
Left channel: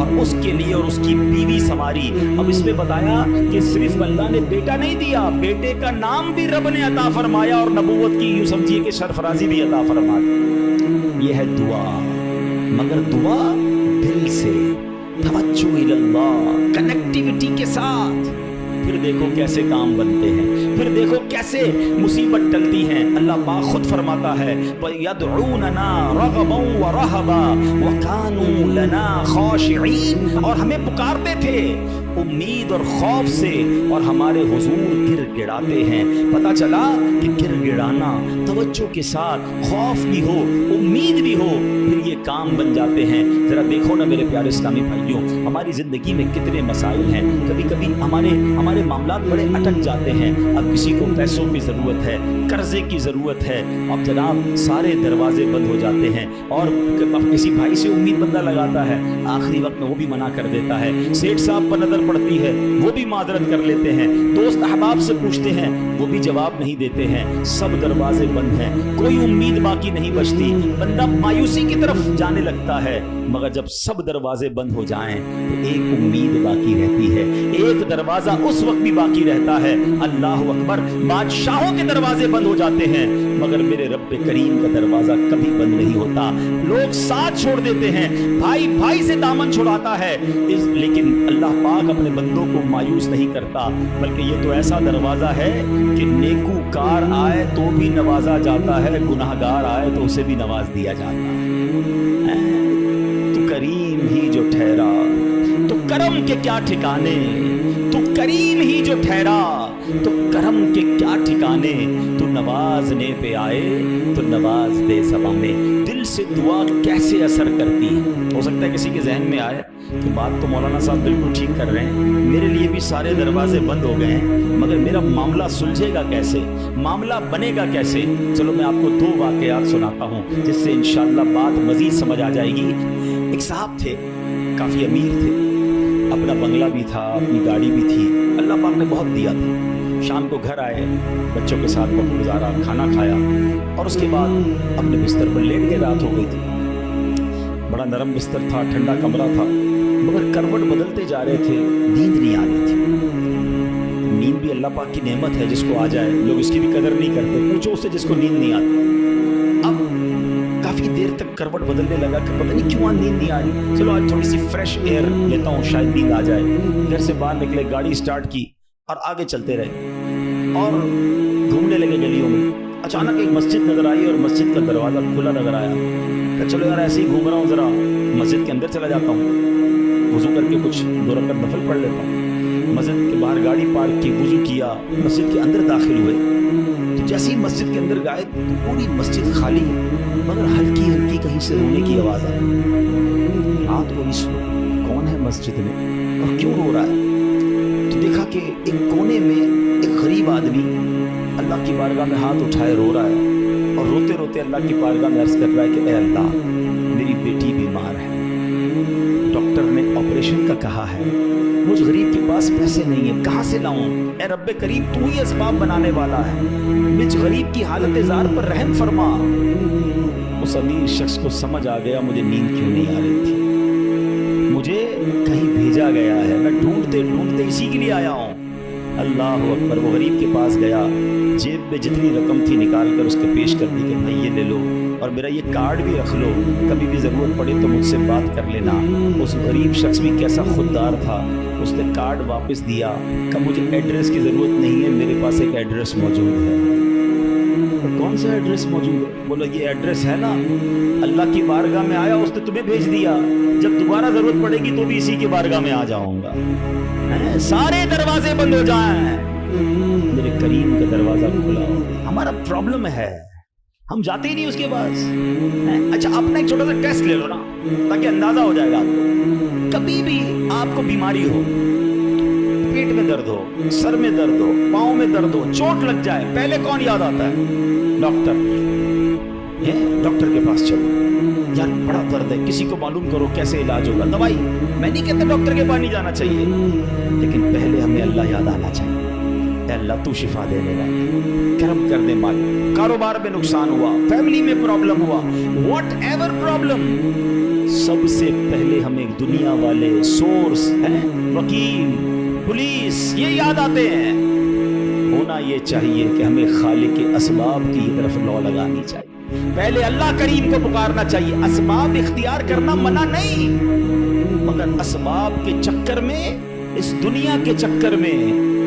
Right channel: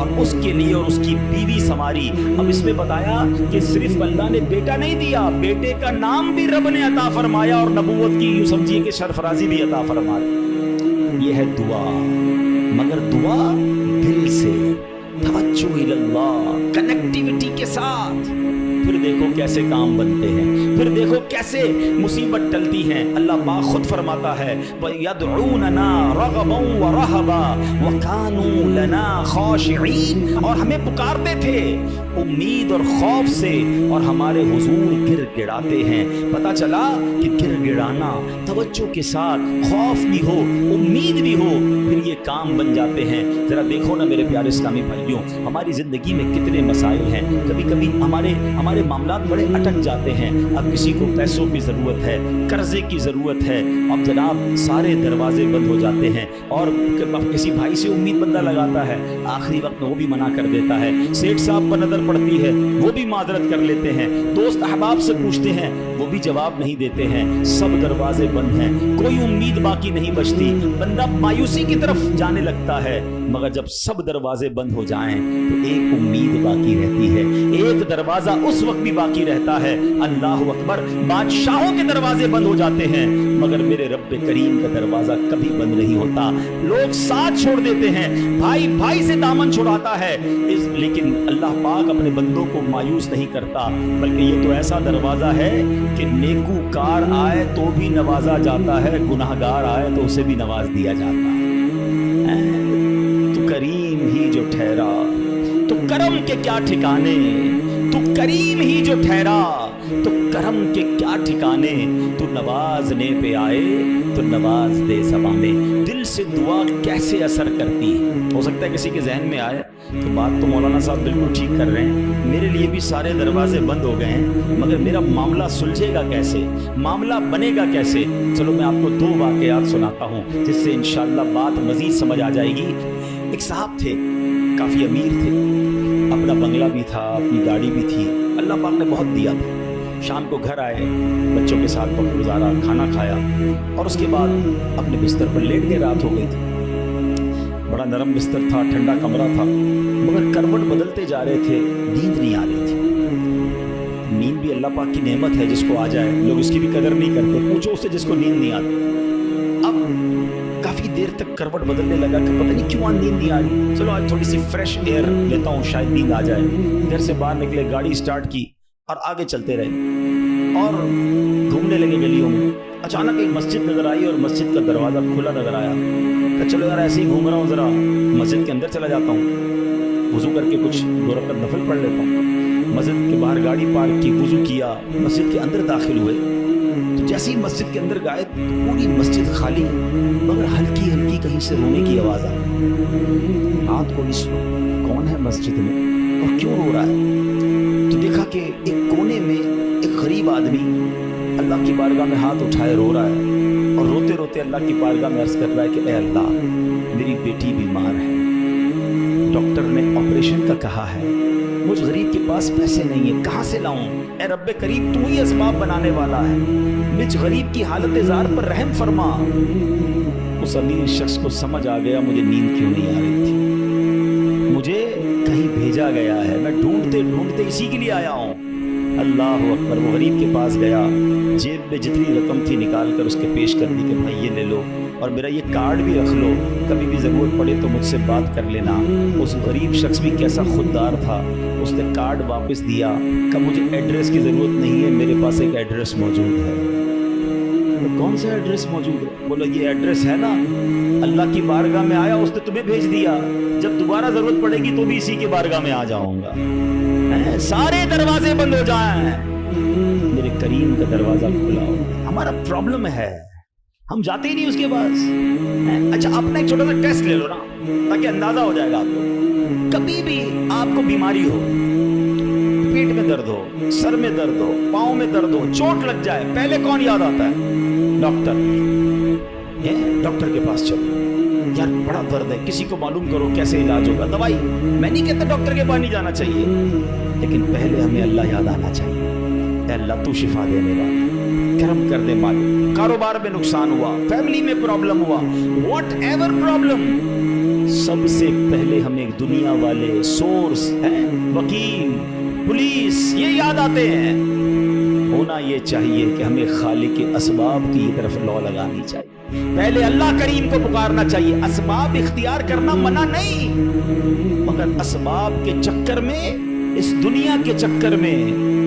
اور اس کے لیے اور اس کی بیوی سنواری۔ اب اس میں بتایا کہ صرف اللہ نے بیٹا نہیں دیا، بیٹے کا نام بھی رب نے عطا فرمایا اور نبوت کی یوں سمجھیے کہ سرفرازی بھی عطا فرما دی۔ یہ ہے دعا، مگر دعا دل سے، توجہ اللہ، کنیکٹیوٹی کے ساتھ، پھر دیکھو کیسے کام بنتے ہیں، پھر دیکھو کیسے مصیبت ٹلتی ہیں۔ اللہ پاک خود فرماتا ہے وَيَدْعُونَنَا رَغَبًا وَرَهَبًا وَكَانُوا لَنَا خَاشِعِينَ، اور ہمیں پکارتے تھے امید اور خوف سے، اور ہمارے حضور گر گڑاتے ہیں۔ پتہ چلا کہ گر گڑانا، توجہ کے ساتھ خوف بھی ہو امید بھی ہو، پھر یہ کام بن جاتے ہیں۔ ذرا دیکھو نا میرے پیارے اسلامی بھائیوں، ہماری زندگی میں کتنے مسائل ہیں، کبھی کبھی ہمارے معاملات بڑے اٹک جاتے ہیں۔ اب کسی کو پیسوں کی ضرورت ہے، قرضے کی ضرورت ہے، اب جناب سارے دروازے بند ہو جاتے ہیں، اور اب کسی بھائی سے امید بندہ لگاتا ہے، آخری وقت میں وہ بھی منع کر دیتا ہے، سیٹھ صاحب پر نظر پڑتی ہے وہ بھی معذرت کر لیتے ہیں، دوست احباب سے پوچھتے ہیں وہ بھی جواب نہیں دیتے ہیں، سب دروازے بند ہیں، کوئی امید باقی نہیں بچتی، بندہ مایوسی کی طرف جانے لگتا ہے۔ مگر جب سب دروازے بند ہو جائیں تو ایک امید باقی رہتی ہے، ایک دروازہ اس وقت بھی باقی رہتا ہے۔ اللہ اکبر، بادشاہوں کے دروازے بند ہو جاتے ہیں مگر میرے رب کریم کا دروازہ کبھی بند نہیں ہوتا۔ لوگ ساتھ چھوڑ دیتے ہیں، بھائی بھائی سے دامن چھڑاتا ہے، لیکن اللہ پاک اپنے بندوں کو مایوس نہیں کرتا، بلکہ یہ تو ایسا دروازہ ہے کہ نیکوکار آئے تو بھی نوازا جاتا ہے، گناہگار آئے تو اسے بھی نواز دیا جاتا ہے۔ تو کریم ہی جو ٹھہرا تو کرم کے کیا ٹھکانے، تو کریم ہی جو ٹھہرا تو کرم کے کیا ٹھکانے، تو نوازنے پہ آئے تو نواز دے زبانے۔ دل سے دعا کیسے اثر کرتی ہے؟ ہو سکتا ہے کسی کے ذہن میں آئے کہ بات تو مولانا صاحب بالکل ٹھیک کر رہے ہیں، میرے لیے بھی سارے دروازے بند ہو گئے ہیں، مگر میرا معاملہ سلجھے گا کیسے، معاملہ بنے گا کیسے؟ چلو میں آپ کو دو واقعات سناتا ہوں جس سے انشاءاللہ بات مزید سمجھ آ جائے گی۔ ایک صاحب تھے، کافی امیر تھے، اپنا بنگلہ بھی تھا، اپنی گاڑی بھی تھی، اللہ پاک نے بہت دیا تھا۔ شام کو گھر آئے، بچوں کے ساتھ وقت گزارا، کھانا کھایا، اور اس کے بعد اپنے بستر پر لیٹ گئے۔ رات ہو گئی تھی، بڑا نرم بستر تھا، ٹھنڈا کمرہ تھا، مگر کروٹ بدلتے جا رہے تھے، نیند نہیں آ رہی تھی۔ نیند بھی اللہ پاک کی نعمت ہے، جس کو آ جائے لوگ اس کی بھی قدر نہیں کرتے، پوچھو اس سے جس کو نیند نہیں آتی۔ اب کافی دیر تک کروٹ بدلنے لگا کہ پتہ نہیں کیوں نیند نہیں آ رہی، چلو آج تھوڑی سی فریش ایئر لیتا ہوں، شاید نیند آ جائے۔ گھر سے باہر نکلے، گاڑی سٹارٹ کی اور آگے چلتے رہے اور گھومنے لگے گلیوں میں۔ اچانک ایک مسجد نظر آئی اور مسجد کا دروازہ کھلا نظر آیا، کہ چلو یار ایسے ہی گھوم رہا ہوں، ذرا مسجد کے اندر چلا جاتا ہوں، وضو کر کے کچھ 2 رکعت نفل پڑھ لیتا ہوں۔ مسجد کے باہر گاڑی پارک کی، وضو کیا، مسجد کے اندر داخل ہوئے تو جیسے ہی مسجد کے اندر گئے پوری مسجد خالی، مگر ہلکی ہلکی کہیں سے رونے کی آواز آئی۔ رات کو اس کون ہے مسجد میں اور کیوں رو رہا ہے؟ تو دیکھا کہ ایک کونے میں ایک غریب آدمی اللہ کی بارگاہ میں ہاتھ اٹھائے رو رہا ہے، اور روتے روتے اللہ کی بارگاہ میں عرض کر رہا ہے کہ اے اللہ، میری بیٹی بیمار ہے، ڈاکٹر نے آپریشن کا کہا ہے، مجھ غریب کے پاس پیسے نہیں ہیں، کہاں سے لاؤں؟ اے رب کریم، تو ہی اسباب بنانے والا ہے، مجھ غریب کی حالت زار پر رحم فرما۔ اس امیر شخص کو سمجھ آ گیا مجھے نیند کیوں نہیں آ رہی تھی، مجھے کہیں بھیجا گیا ہے، میں ڈھونڈتے ڈھونڈتے اسی کے لیے آیا ہوں۔ اللہ اکبر، وہ غریب کے پاس گیا، جیب میں جتنی رقم تھی نکال کر اس کے پیش کر دی کہ بھائی یہ لے لو، اور میرا یہ کارڈ بھی رکھ لو، کبھی بھی ضرورت پڑے تو مجھ سے بات کر لینا۔ اس غریب شخص بھی کیسا خوددار تھا، اس نے کارڈ واپس دیا، کہ مجھے ایڈریس کی ضرورت نہیں ہے، میرے پاس ایک ایڈریس موجود ہے۔ کون سا ایڈریس موجود ہے؟ بولو یہ ایڈریس ہے نا، اللہ کی بارگاہ میں آیا، اس نے تمہیں بھیج دیا، جب دوبارہ ضرورت پڑے گی تو بھی اسی کی بارگاہ میں آ جاؤں گا۔ سارے دروازے بند ہو جائیں، میرے کریم کا دروازہ کھلا ہو۔ ہمارا پرابلم ہے ہم جاتے ہی نہیں اس کے پاس۔ اچھا اپنا ایک چھوٹا سا ٹیسٹ لے لو نا، تاکہ اندازہ ہو جائے گا آپ کو۔ کبھی بھی آپ کو بیماری ہو، پیٹ میں درد ہو، سر میں درد ہو، پاؤں میں درد ہو، چوٹ لگ جائے، پہلے کون یاد آتا ہے؟ ڈاکٹر۔ ڈاکٹر کے پاس چلو، یار بڑا درد ہے، کسی کو معلوم کرو کیسے علاج ہوگا، دوائی۔ میں نہیں کہتا ڈاکٹر کے پاس نہیں جانا چاہیے، لیکن پہلے ہمیں اللہ یاد آنا چاہیے۔ اے اللہ تو شفا دینے والا، کرم کر دے مالک۔ کاروبار میں نقصان ہوا، فیملی میں پرابلم ہوا، واٹ ایور پرابلم، سب سے پہلے ہمیں دنیا والے سورس ہیں، وکیل، پولیس، یہ یاد آتے ہیں۔ ہونا یہ چاہیے کہ ہمیں خالق اسباب کی طرف لو لگانی چاہیے، پہلے اللہ کریم کو پکارنا چاہیے۔ اسباب اختیار کرنا منع نہیں، مگر اسباب کے چکر میں اس دنیا کے چکر میں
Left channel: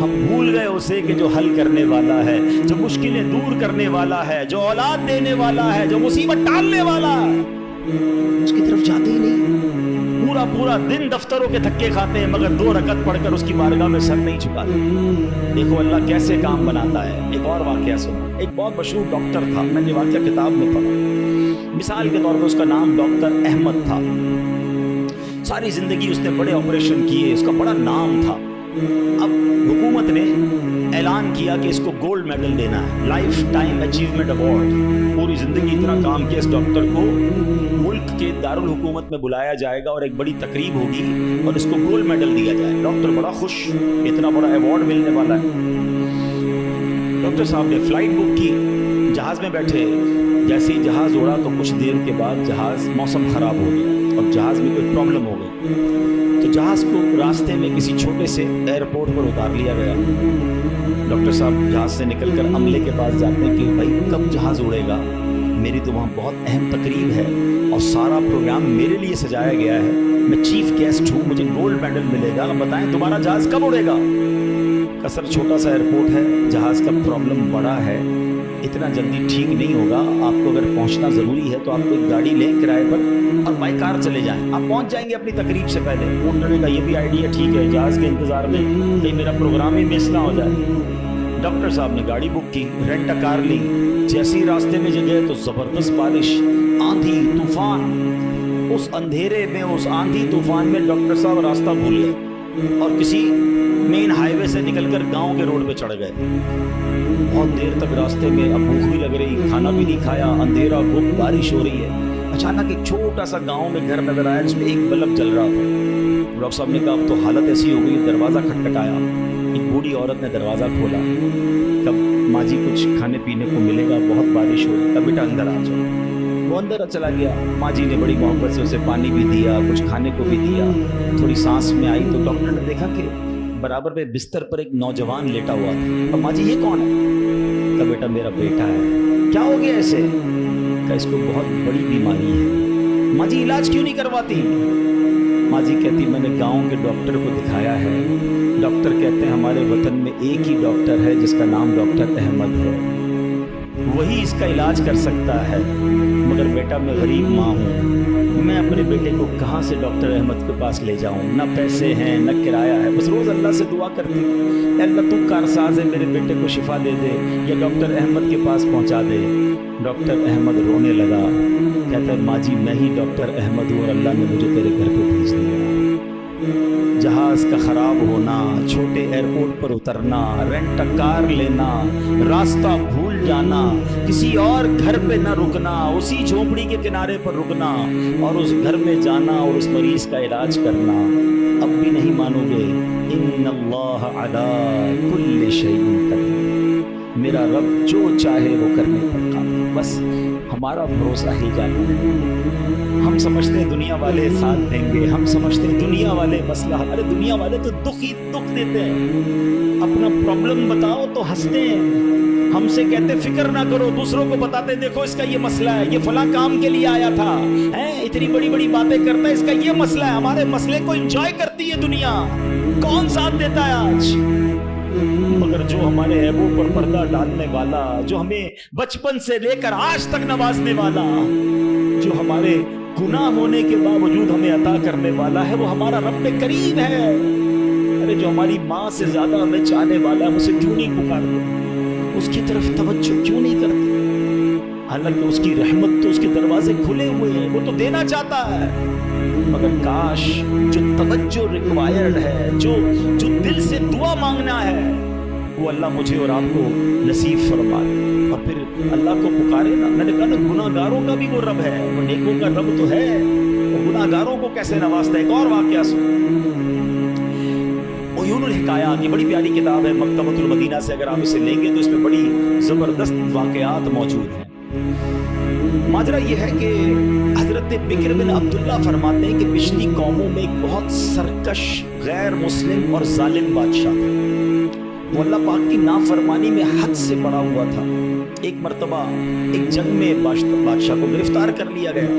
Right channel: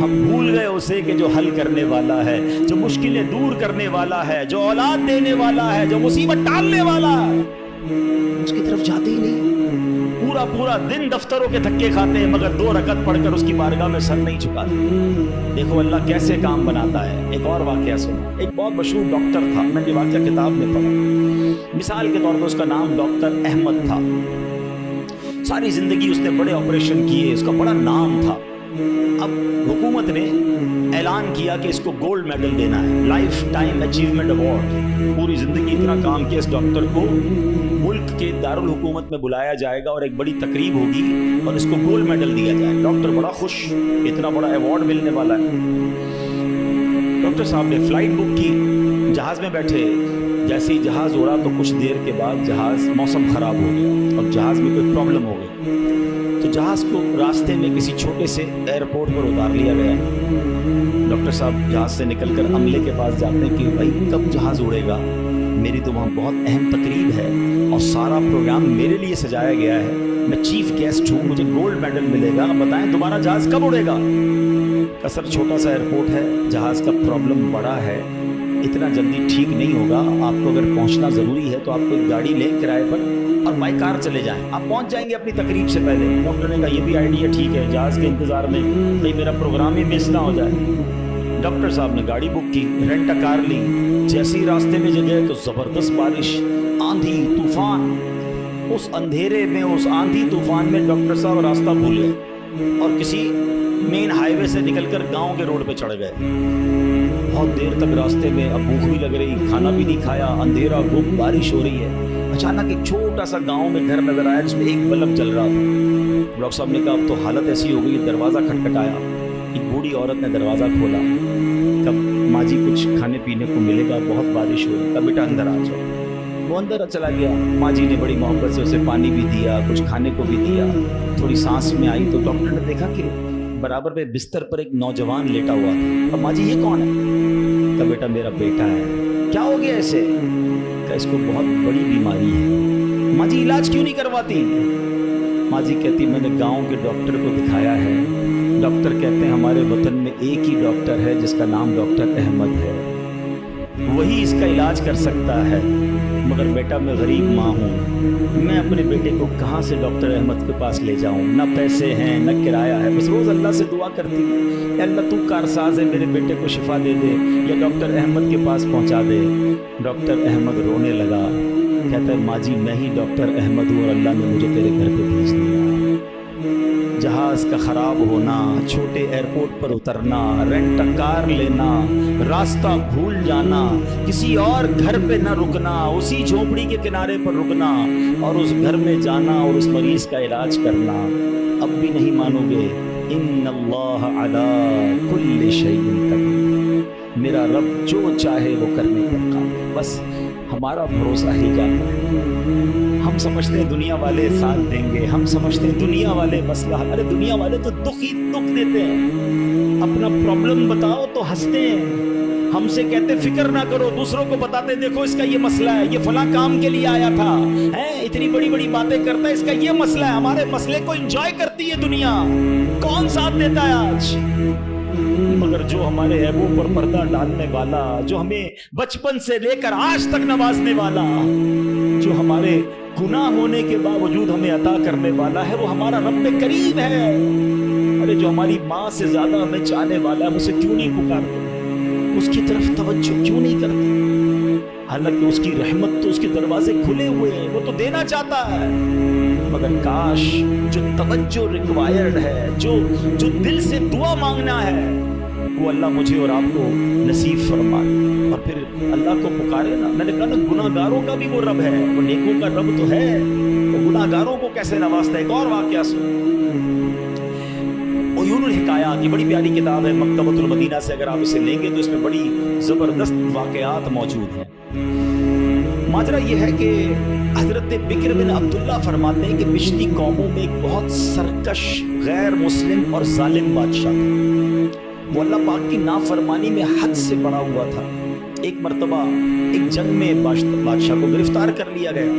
ہم بھول گئے اسے کہ جو حل کرنے والا ہے، جو مشکلیں دور کرنے والا ہے، جو اولاد دینے والا ہے، جو مصیبت ٹالنے والا ہے، اس کی طرف جاتے ہی نہیں۔ پورا دن دفتروں کے دھکے کھاتے ہیں مگر 2 رکعت پڑھ کر اس کی بارگاہ میں سر نہیں جھکاتے۔ دیکھو اللہ کیسے کام بناتا ہے۔ ایک اور واقعہ سنا، ایک بہت مشہور ڈاکٹر تھا، میں نے واقعہ کتاب میں پڑھا۔ مثال کے طور پر اس کا نام ڈاکٹر احمد تھا۔ ساری زندگی اس نے بڑے آپریشن کیے، اس کا بڑا نام تھا۔ اب حکومت نے اعلان کیا کہ اس کو گولڈ میڈل دینا ہے، لائف ٹائم اچیومنٹ ایوارڈ۔ پوری زندگی اتنا کام کیا اس ڈاکٹر کو ملک کے دارالحکومت میں بلایا جائے گا اور ایک بڑی تقریب ہوگی اور اس کو گولڈ میڈل دیا جائے۔ ڈاکٹر بڑا خوش، اتنا بڑا ایوارڈ ملنے والا ہے۔ ڈاکٹر صاحب نے فلائٹ بک کی، جہاز میں بیٹھے، جیسے ہی جہاز اڑا تو کچھ دیر کے بعد جہاز موسم خراب ہو گیا اور جہاز میں کوئی پرابلم ہو گئی، تو جہاز کو راستے میں کسی چھوٹے سے ایئرپورٹ پر اتار لیا گیا۔ ڈاکٹر صاحب جہاز سے نکل کر عملے کے پاس جاتے ہیں کہ بھائی کب جہاز اڑے گا، میری تو وہاں بہت اہم تقریب ہے اور سارا پروگرام میرے لیے سجایا گیا ہے، میں چیف گیسٹ ہوں، مجھے گولڈ میڈل ملے گا، بتائیں دوبارہ جہاز کب اڑے گا؟ کثر چھوٹا سا ایئرپورٹ ہے، جہاز کا پرابلم بڑا ہے، اتنا جلدی ٹھیک نہیں ہوگا، آپ کو اگر پہنچنا ضروری ہے تو آپ کو ایک گاڑی لیں کرائے پر اور بائی کار چلے جائیں، آپ پہنچ جائیں گے اپنی تقریب سے پہلے۔ ڈاکٹر نے کہا یہ بھی آئیڈیا ٹھیک ہے، جہاز کے انتظار میں کہیں میرا پروگرام ہی مس نہ ہو جائے۔ ڈاکٹر صاحب نے گاڑی بک کی، رینٹ ا کار لی، جیسے ہی راستے میں گئے تو زبردست بارش، آندھی طوفان۔ اس اندھیرے میں، اس آندھی طوفان میں ڈاکٹر صاحب راستہ بھول گئے اور کسی مین ہائی وے سے نکل کر گاؤں کے روڈ پہ چڑھ گئے۔ بہت دیر تک راستے میں، اب بھوک بھی لگ رہی، کھانا بھی نہیں کھایا، اندھیرا گم، بارش ہو رہی ہے۔ اچانک ایک چھوٹا سا گاؤں میں گھر نظر آیا جس میں ایک بلب جل رہا تھا۔ ڈاکٹر صاحب نے کہا اب تو حالت ایسی ہو گئی، دروازہ کھٹکھٹایا، ایک بوڑھی عورت نے دروازہ کھولا، کب ماں جی کچھ کھانے پینے کو ملے گا، بہت بارش ہو رہی ہے، بیٹا اندر آ جاؤ۔ وہ اندر چلا گیا، ماں جی نے بڑی محبت سے اسے پانی بھی دیا، کچھ کھانے کو بھی دیا۔ تھوڑی سانس میں آئی تو ڈاکٹر نے دیکھا کہ برابر پہ بستر پر ایک نوجوان لیٹا ہوا تھا۔ اب ماں جی یہ کون ہے؟ کہا بیٹا میرا بیٹا ہے۔ کیا ہو گیا ایسے؟ کہا اس کو بہت بڑی بیماری ہے۔ ماں جی علاج کیوں نہیں کرواتی؟ ماں جی کہتی میں نے گاؤں کے ڈاکٹر کو دکھایا ہے، ڈاکٹر کہتے ہیں ہمارے وطن میں ایک ہی ڈاکٹر ہے جس کا نام ڈاکٹر احمد ہے، وہی اس کا علاج کر سکتا ہے، مگر بیٹا میں غریب ماں ہوں، میں اپنے بیٹے کو کہاں سے ڈاکٹر احمد کے پاس لے جاؤں، نہ پیسے ہیں نہ کرایہ ہے، بس روز اللہ سے دعا کرتی اے اللہ تو کارساز ہے، میرے بیٹے کو شفا دے دے یا ڈاکٹر احمد کے پاس پہنچا دے۔ ڈاکٹر احمد رونے لگا، کہتا ہے ماں جی میں ہی ڈاکٹر احمد ہوں اور اللہ نے مجھے تیرے گھر پہ بھیج دیا۔ جہاز کا خراب ہونا، چھوٹے ایئرپورٹ پر اترنا، رینٹ کار لینا، راستہ بھول جانا، کسی اور گھر پہ نہ رکنا، اسی جھونپڑی کے کنارے پر رکنا اور اس گھر میں جانا اور اس مریض کا علاج کرنا۔ اب بھی نہیں مانو گے؟ ان اللہ علی کل شیء قدیر، میرا رب جو چاہے وہ کرنے پر قادر، بس ہمارا بھروسہ ہی جاتا ہے۔ ہم سمجھتے ہیں دنیا والے ساتھ دیں گے، ہم سمجھتے ہیں دنیا والے مسئلہ، ارے دنیا والے تو دکھ ہی دکھ دیتے ہیں، اپنا پرابلم بتاؤ تو ہنستے ہیں، ہم سے کہتے فکر نہ کرو، دوسروں کو بتاتے دیکھو اس کا یہ مسئلہ ہے، یہ فلاں کام کے لیے آیا تھا، اتنی بڑی بڑی باتیں کرتا ہے، اس کا یہ مسئلہ ہے۔ ہمارے مسئلے کو انجوائے کرتی ہے دنیا، کون ساتھ دیتا ہے آج؟ مگر جو ہمارے عیبوں پر پردہ ڈالنے والا، جو ہمیں بچپن سے لے کر آج تک نوازنے والا، جو ہمارے گناہ ہونے کے باوجود ہمیں عطا کرنے والا ہے، وہ ہمارا رب کریم ہے۔ ارے جو ہماری ماں سے زیادہ ہمیں چاہنے والا ہے، ہم اسے کیوں نہیں پکارتے، اس کی طرف توجہ کیوں نہیں کرتے؟ حالانکہ اس کی رحمت تو اس کے دروازے کھلے ہوئے ہیں، وہ تو دینا چاہتا ہے، مگر کاش جو توجہ ریکوائرڈ ہے، جو دل سے دعا مانگنا ہے، وہ اللہ مجھے اور آپ کو نصیب فرمائے، اور پھر اللہ کو پکارے نا۔ میں نے کہا نا گناہ گاروں کا بھی وہ رب ہے، وہ نیکوں کا رب تو ہے، وہ گناہ گاروں کو کیسے نوازتا ہے۔ ایک اور واقعہ سن، عیون الحکایات، یہ بڑی پیاری کتاب ہے مکتبۃ المدینہ سے، اگر آپ اسے لیں گے تو اس میں بڑی زبردست واقعات موجود ہیں۔ ماجرا یہ ہے کہ حضرت بکر بن عبداللہ فرماتے ہیں کہ پچھلی قوموں میں ایک بہت سرکش، غیر مسلم اور ظالم بادشاہ تھا، وہ اللہ پاک کی نافرمانی میں حد سے بڑا ہوا تھا۔ ایک مرتبہ ایک جنگ میں بادشاہ کو گرفتار کر لیا گیا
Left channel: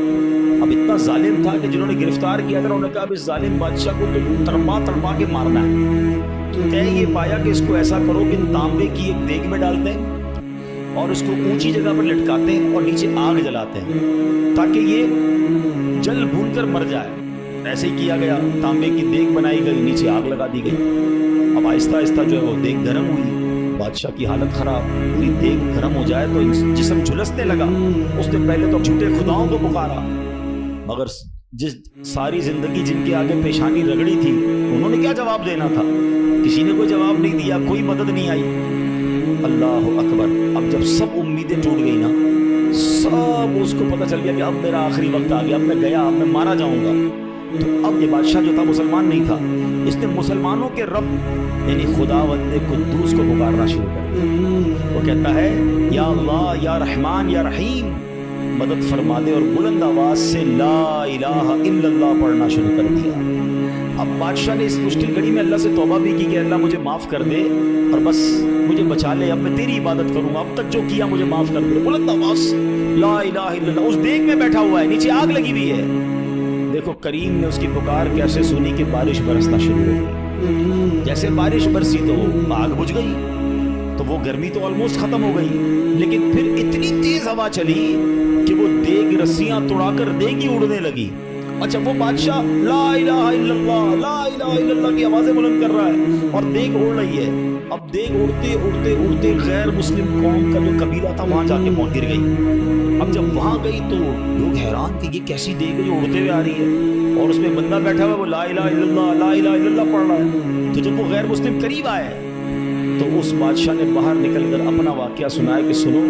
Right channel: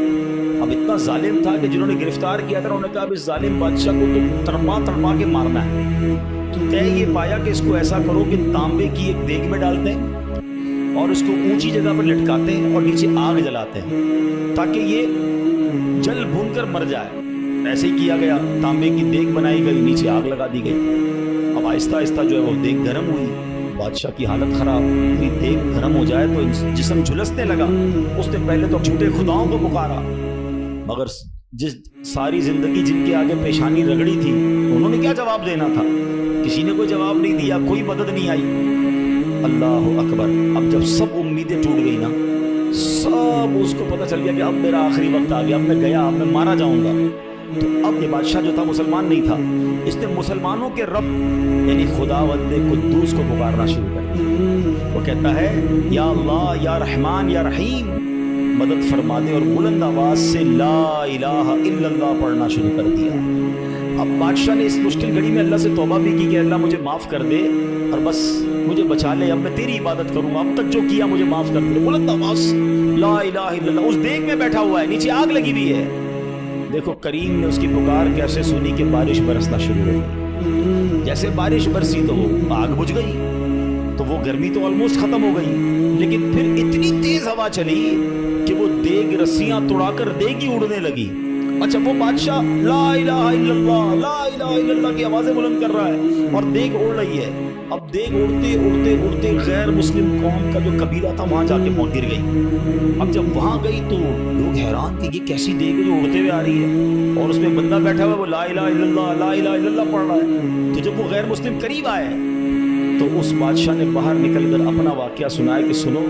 اب اتنا ظالم تھا کہ جنہوں نے گرفتار کیا تھا انہوں نے کہا اب اس ظالم بادشاہ کو تو تڑپا تڑپا کے مارنا ہے. تو طے یہ پایا کہ اس کو ایسا کرو کہ تانبے کی ایک دیگ میں ڈالتے ہیں اور اس کو اونچی جگہ پر لٹکاتے ہیں اور نیچے آگ جلاتے ہیں تاکہ یہ جل بھون کر مر جائے. ایسے ہی کیا گیا. تانبے کی دیگ بنائی گئی, نیچے آگ لگا دی گئی. اب آہستہ آہستہ جو ہے وہ دیگ گرم ہوئی. بادشاہ کی حالت خراب ہوئی. دیگ گرم ہو جائے تو جسم جھلسنے لگا. اس نے پہلے تو جھوٹے خداؤں کو پکارا, مگر جس ساری زندگی جن کے آگے پیشانی رگڑی تھی انہوں نے کیا جواب دینا تھا؟ کسی نے کوئی جواب نہیں دیا, کوئی مدد نہیں آئی. اللہ اکبر. اب جب سب امیدیں ٹوٹ گئی نا, سب اس کو پتہ چل گیا کہ اب میرا آخری وقت آ گیا, اب میں گیا, اب میں مارا جاؤں گا. تو اب یہ بادشاہ جو تھا مسلمان نہیں تھا, اس نے مسلمانوں کے رب یعنی خداوند قدوس کو پکارنا شروع کر دیا. وہ کہتا ہے یا اللہ, یا رحمان, یا رحیم, مدد فرما دے, اور بلند آواز سے لا الہ الا اللہ پڑھنا شروع کر دیا. اب بادشاہ نے اس مشکل گھڑی میں اللہ سے توبہ بھی کی کہ اللہ مجھے معاف کر دے اور بس مجھے بچا لے, اب میں تیری عبادت کروں گا, اب تک جو کیا مجھے معاف کر دے. بلند آواز لا الہ الا اللہ. اس دیگ میں بیٹھا ہوا ہے, نیچے آگ لگی ہوئی ہے. دیکھو کریم نے اس کی پکار کیسے سنی کہ بارش برسنا شروع ہو گئی. جیسے بارش برسی تو وہ آگ بجھ گئی, تو وہ گرمی تو آلموسٹ ختم ہو گئی. لیکن پھر اتنی تیز ہوا چلی کہ وہ دیگ رسیاں توڑا کر دیگ ہی اڑنے لگی. اچھا, وہ بادشاہ لا الہ الا اللہ, لا الہ الا اللہ کی آوازیں بلند کر رہا ہے اور دیگ اڑ رہی ہے. اب دیگ اڑتے اڑتے اڑتے غیر مسلم قوم کا جو قبیلہ تھا وہاں جا کے گر گئی. اب جب وہاں گئی تو لوگ حیران کہ یہ کیسی دیگ ہے جو اڑتے ہوئے آ رہی ہے اور اس میں بندہ بیٹھا ہوا ہے, وہ لا الہ الا اللہ, لا الہ الا اللہ پڑھ رہا ہے. تو جب وہ غیر مسلم قریب آئے تو اس بادشاہ نے باہر نکل کر اپنا واقعہ سنایا کہ سنو,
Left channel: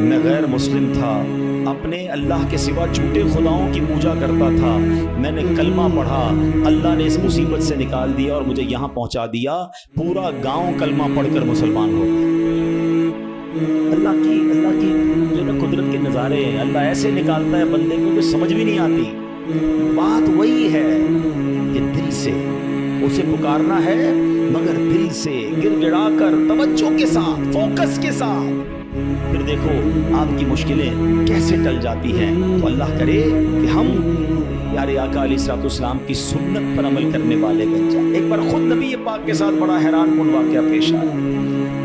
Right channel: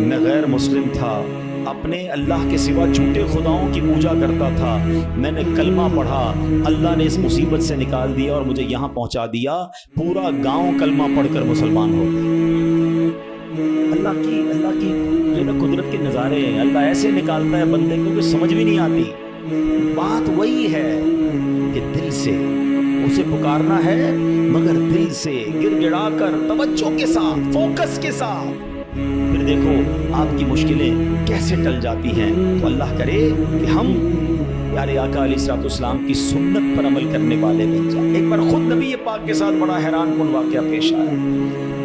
میں غیر مسلم تھا, اپنے اللہ کے سوا جھوٹے خداؤں کی پوجا کرتا تھا, میں نے کلمہ پڑھا, اللہ نے اس مصیبت سے نکال دیا اور مجھے یہاں پہنچا دیا. پورا گاؤں کلمہ پڑھ کر مسلمان ہو گیا. اللہ کی جو نا قدرت کے نظارے ہیں. اللہ ایسے نکالتا ہے بندے کو کہ سمجھ بھی نہیں آتی. بات وہی ہے کہ دل سے اسے پکارنا ہے, مگر دل سے گر گڑا کر توجہ کے ساتھ, فوکس کے ساتھ. پھر دیکھو آپ کی مشکلیں کیسے ٹل جاتی ہیں. تو اللہ کرے کہ ہم پیارے آقا علیہ الصلوۃ والسلام کی سنت پر عمل کرنے والے بن جائیں. ایک بار خود نبی پاک کے ساتھ بڑا حیران کن واقعہ پیش آیا.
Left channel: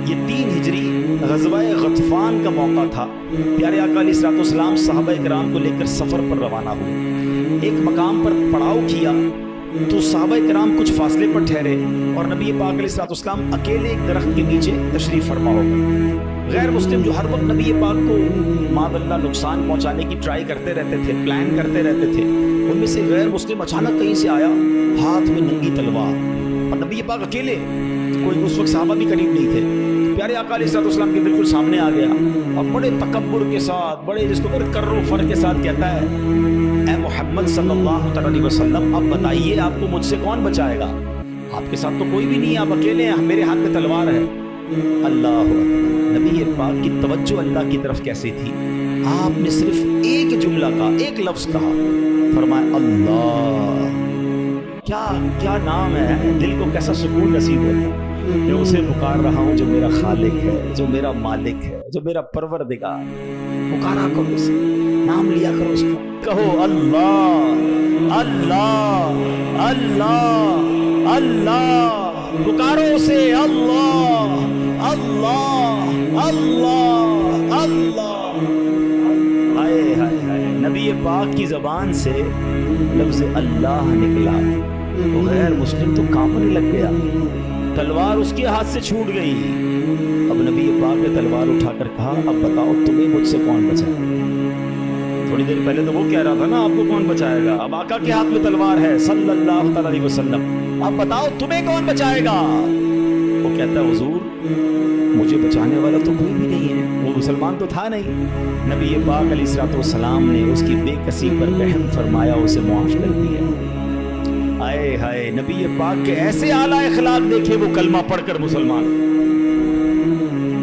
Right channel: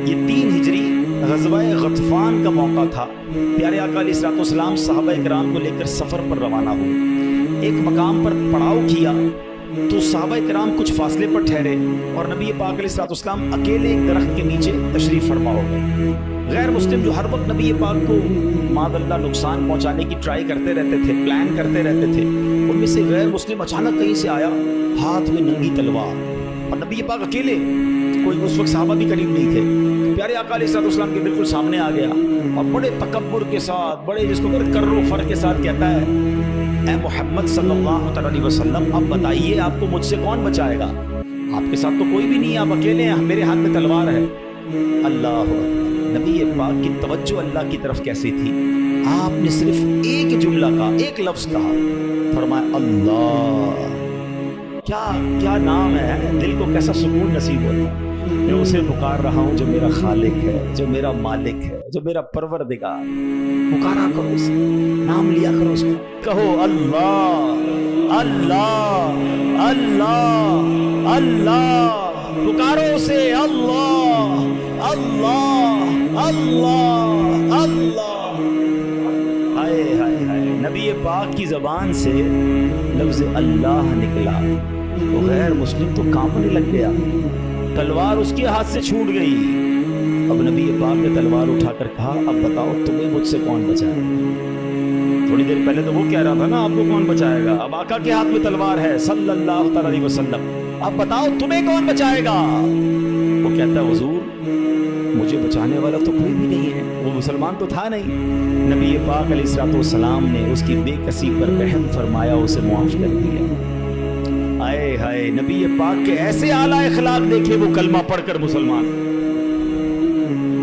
یہ 3 ہجری غزوہ غطفان کا موقع تھا. پیارے آقا علیہ الصلوۃ والسلام صحابہ کرام کو لے کر سفر پر روانہ ہوئے. ایک مقام پر پڑاؤ کیا تو صحابہ کرام کچھ فاصلے پر ٹھہرے اور نبی پاک علیہ الصلوۃ والسلام اکیلے ایک درخت کے نیچے تشریف فرما ہو گئے. غیر مسلم جو ہر وقت نبی پاک کو معاذ اللہ نقصان پہنچانے کی ٹرائی کرتے رہتے تھے, پلان کرتے رہتے تھے, ان میں سے غیر مسلم اچانک کہیں سے آیا ہاتھ میں ننگی تلوار, اور نبی پاک اکیلے, کوئی اس وقت صحابہ بھی قریب نہیں تھے. پیارے آقا علیہ الصلوۃ والسلام کے بالکل سامنے آ گیا اور بڑے تکبر کے ساتھ, بڑے جس کو کر و فر کے ساتھ کہتا ہے اے محمد صلی اللہ علیہ وسلم, اب بتائیے آپ کو مجھ سے کون بچائے گا؟ آپ کے ساتھ تو کوئی بھی نہیں ہے, آپ اکیلے ہیں, میرے ہاتھ میں تلوار ہے. اللہ اکبر. نبی پاک کی توجہ اللہ کی طرف کیسی تھی. آپ نے صرف ایک جملہ کہا, ایک لفظ کہا, فرمایا اللہ. کیا نام ہے, دل کو کیسا سکون نصیب ہوتا ہے. میں اسے پکار رہا ہوں جو میرا خالق ہے, جو میرا مالک ہے, جو میرا پروردگار. پکارا کرو اسے, نام لیا کرو اس کا, کہو اللہ اللہ اللہ اللہ, پکارو اسے اللہ اللہ اللہ اللہ. ہائے ہائے ہائے, نبی پاک کی زبان سے لفظ اللہ نکلا تو غیر مسلم تو کانپنے لگ گیا, تلوار اس کے ہاتھ سے چھوٹ گئی. اب نبی پاک نے تلوار اٹھا کر کہا اب بتاؤ تمہیں مجھ سے کون بچائے. تھوڑی دیر پہلے تو وہ کہہ رہا تھا نا آپ کو کون بچائے گا, اب آقا کے ہاتھ میں تلوار ہے صلی اللہ علیہ وسلم, اب بتاؤ تمہیں کون بچائے گا. وہ کہتا ہے حضور مجھے بچانے والا تو کوئی بھی نہیں ہے, وہ مسلمان تو تھا نہیں. نبی پاک علیہ الصلوۃ والسلام نے اس کی بے کسی پر رحم فرمایا, اسے معاف کر دیا. آئے ہائے, نبی پاک کے ایسے اعلیٰ اخلاق دیکھے, وہ کلمہ پڑھ کر مسلمان.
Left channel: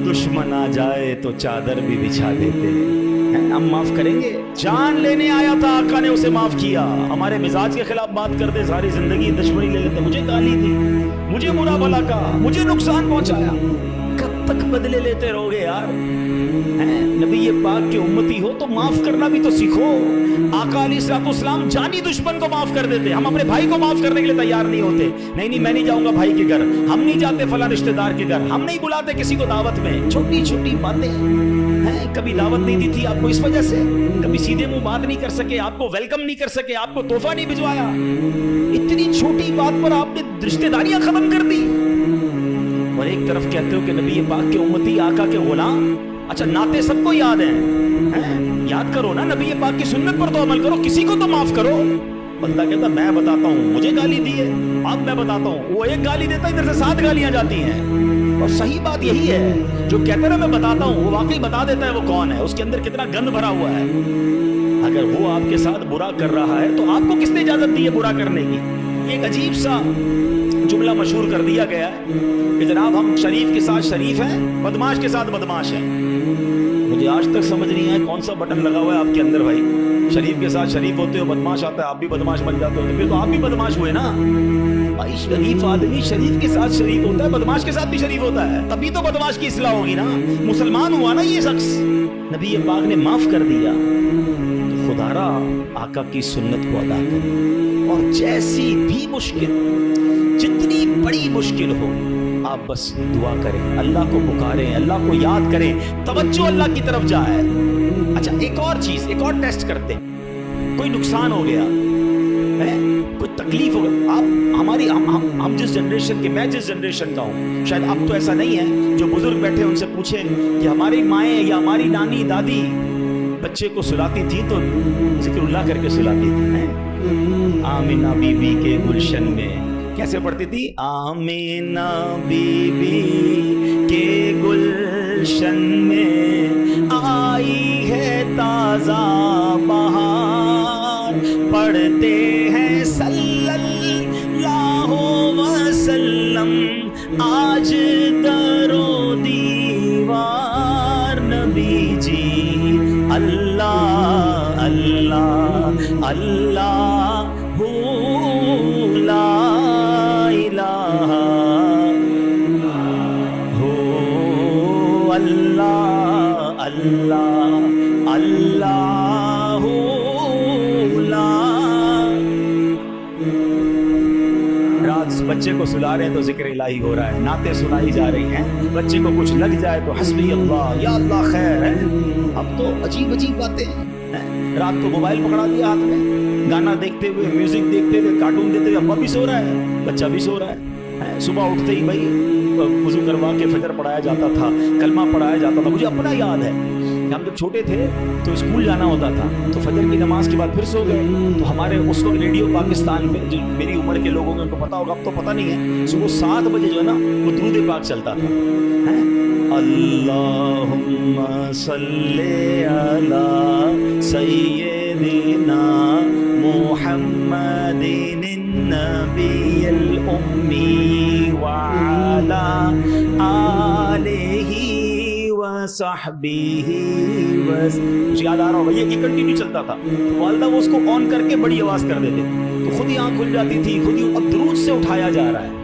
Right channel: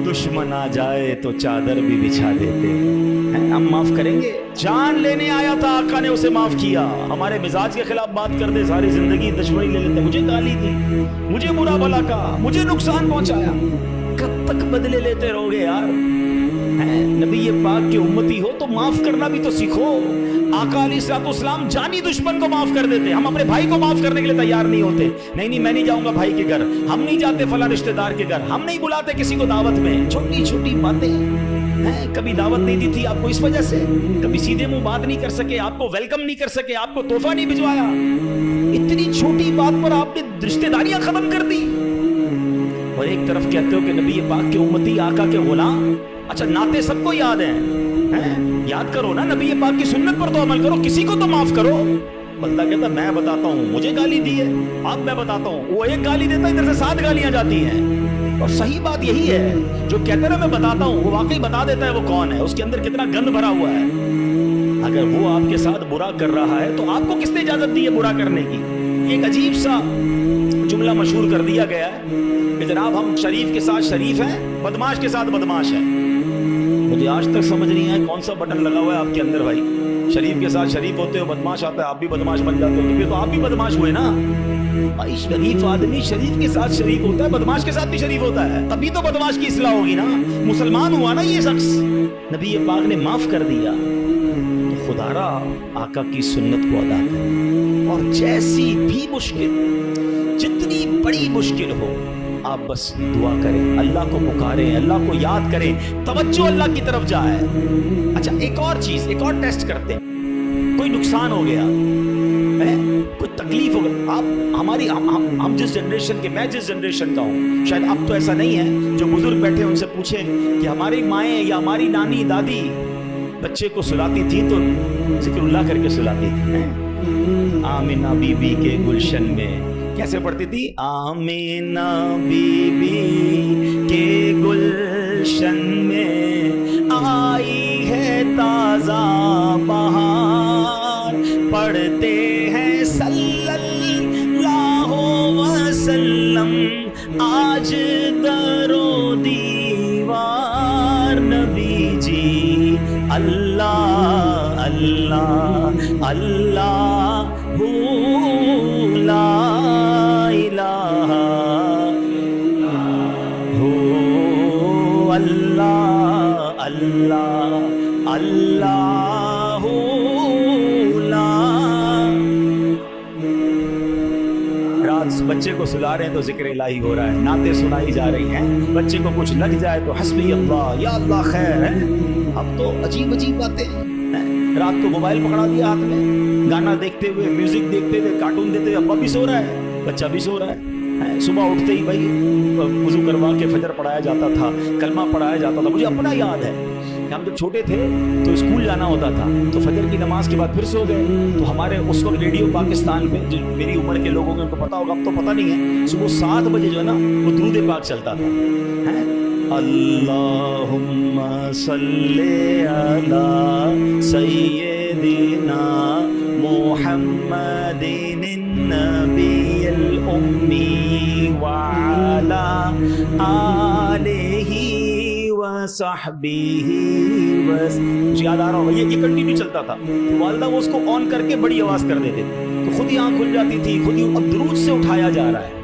دشمن آ جائے تو چادر بھی بچھا دیتے ہیں, ہم معاف کریں گے. جان لینے آیا تھا, آقا نے اسے معاف کیا. ہمارے مزاج کے خلاف بات کر دے, ساری زندگی دشمنی لے لیتے, مجھے گالی دی, مجھے برا بھلا کہا, مجھے نقصان پہنچایا. کب تک بدلے لیتے رہو گے یار؟ نبی پاک کے امتی ہو تو معاف کرنا بھی تو سیکھو. آقا علیہ الصلوۃ والسلام جانی دشمن کو معاف کر دیتے. ہم اپنے بھائی کو معاف کرنے کے لیے تیار نہیں ہوتے. نہیں میں نہیں جاؤں گا بھائی کے گھر, ہم نہیں جاتے فلاں رشتہ دار کے گھر, ہم نہیں بلاتے کسی کو دعوت میں. چھوٹی چھوٹی باتیں ہیں. کبھی دعوت نہیں دی تھی آپ کو اس وجہ سے, کبھی سیدھے منہ بات نہیں کر سکے, آپ کو ویلکم نہیں کر سکے, آپ کو تحفہ نہیں بھجوایا. اتنی چھوٹی بات پر آپ نے رشتہ داریاں ختم کر دی. اور ایک طرف کہتے ہو کہ نبی پاک کے امتی, آقا کے غلام. اچھا نعتیں سب کو یاد ہیں, یاد کرو نا, نبی پاک کی سنت پر تو عمل کرو, کسی کو تو معاف کرو. بندہ کہتا میں بتاتا ہوں, مجھے گالی دی ہے, اب میں بتاتا ہوں. وہ ایک گالی دیتا ہے, ادھر سے 7 گالیاں جاتی ہیں. اور صحیح بات یہی ہے, جو کہتا ہے میں بتاتا ہوں, وہ واقعی بتا دیتا ہے وہ کون ہے, اس کے اندر کتنا گند بھرا ہوا ہے. اگر وہ آپ کے ساتھ برا کر رہا ہے تو آپ کو کس نے اجازت دی ہے برا کرنے کی؟ ایک عجیب سا جملہ مشہور کر دیا گیا ہے کہ جناب ہم شریف کے ساتھ شریف ہیں, بدماش کے ساتھ بدماش ہیں. مجھے آج تک سمجھ نہیں ہے کون سا بٹن لگا ہوا ہے آپ کے اندر بھائی. شریف کے ساتھ شریف ہوتے ہو, بدماش آتا ہے, آپ بھی بدماش بن جاتے ہو, تو پھر تو آپ بھی بدماش ہوئے نا بھائی. شریف آدمی شریف کے ساتھ شریف ہوتا ہے, بدماش کے ساتھ بھی شریف ہوتا ہے, تبھی تو بدماش کی اصلاح ہوگی نا. مسلمان ہوا نا یہ شخص, نبی پاک نے معاف کر دیا. تو خدا را آقا کی سنت کو ادا کریں, اور جیسی بھی مشکل, جتنی بڑی مشکل ہو, آپ بس دعا کریں, اللہ کو پکاریں, اللہ کو یاد کریں, توجہ اللہ کی طرف جائے. اچھا ایک اور چیز, ایک اور ٹیسٹ کرتے ہیں. کوئی نقصان ہو گیا, کوئی تکلیف ہو گیا, آپ ہماری ہم جس جنریشن کے, میں جس جنریشن کا ہوں, شاید اب تو ایسا نہیں ہے, جو بزرگ بیٹھے ان سے پوچھیں کہ ہماری مائیں یا ہماری نانی دادی بچے کو سلاتی تھی تو ذکر اللہ کر کے سلاتی تھی. آمینہ بی بی کے گلشن میں کیسے پڑھتی تھی؟ آمینہ بی بی کے گلشن میں آئی ہے تازہ بہار, پڑھتے ہیں صلی اللہ وسلم آج در و دیوار. نبی جی اللہ اللہ اللہ لا الہ ہو اللہ اللہ اللہ لا. رات بچے کو سلا رہے ہیں تو ذکر الہی ہو رہا ہے, نعتیں سنائی جا رہی ہیں, بچے کو کچھ لگ جائے تو حسبی اللہ, یا اللہ خیر ہے. اب تو عجیب عجیب باتیں ہیں. رات کو موبائل پکڑا دیا ہاتھ میں, گانا دیکھتے ہوئے, میوزک دیکھتے ہوئے, کارٹون دیکھتے ہوئے, ابا بھی سو رہا ہے, بچہ بھی سو رہا ہے. صبح اٹھتے ہی بھائی وضو کروا کے فجر پڑھایا جاتا تھا, کلمہ پڑھایا جاتا تھا. مجھے اپنا یاد ہے کہ ہم جب چھوٹے تھے تو اسکول جانا ہوتا تھا, تو فجر کی نماز کے بعد پھر سو گئے, تو ہمارے اس وقت ریڈیو پاکستان پہ, جو میری عمر کے لوگوں کو پتا ہوگا, اب تو پتہ نہیں ہے, صبح 7 بجے جو ہے نا وہ درود پاک چلتا تھا. اللہم صلی علی سیدنا محمد النبی الامی وعلی آلہ وصحبہ. مجھے یاد آ رہا ہوگا یہ کنٹینیو چلتا تھا, تو والدہ وہ اس کو آن کر کے بڑی آواز کر دیتے تھے, تو خود ہی آنکھ کھل جاتی تھی, خود ہی. اب درود سے اٹھایا جا رہا ہے.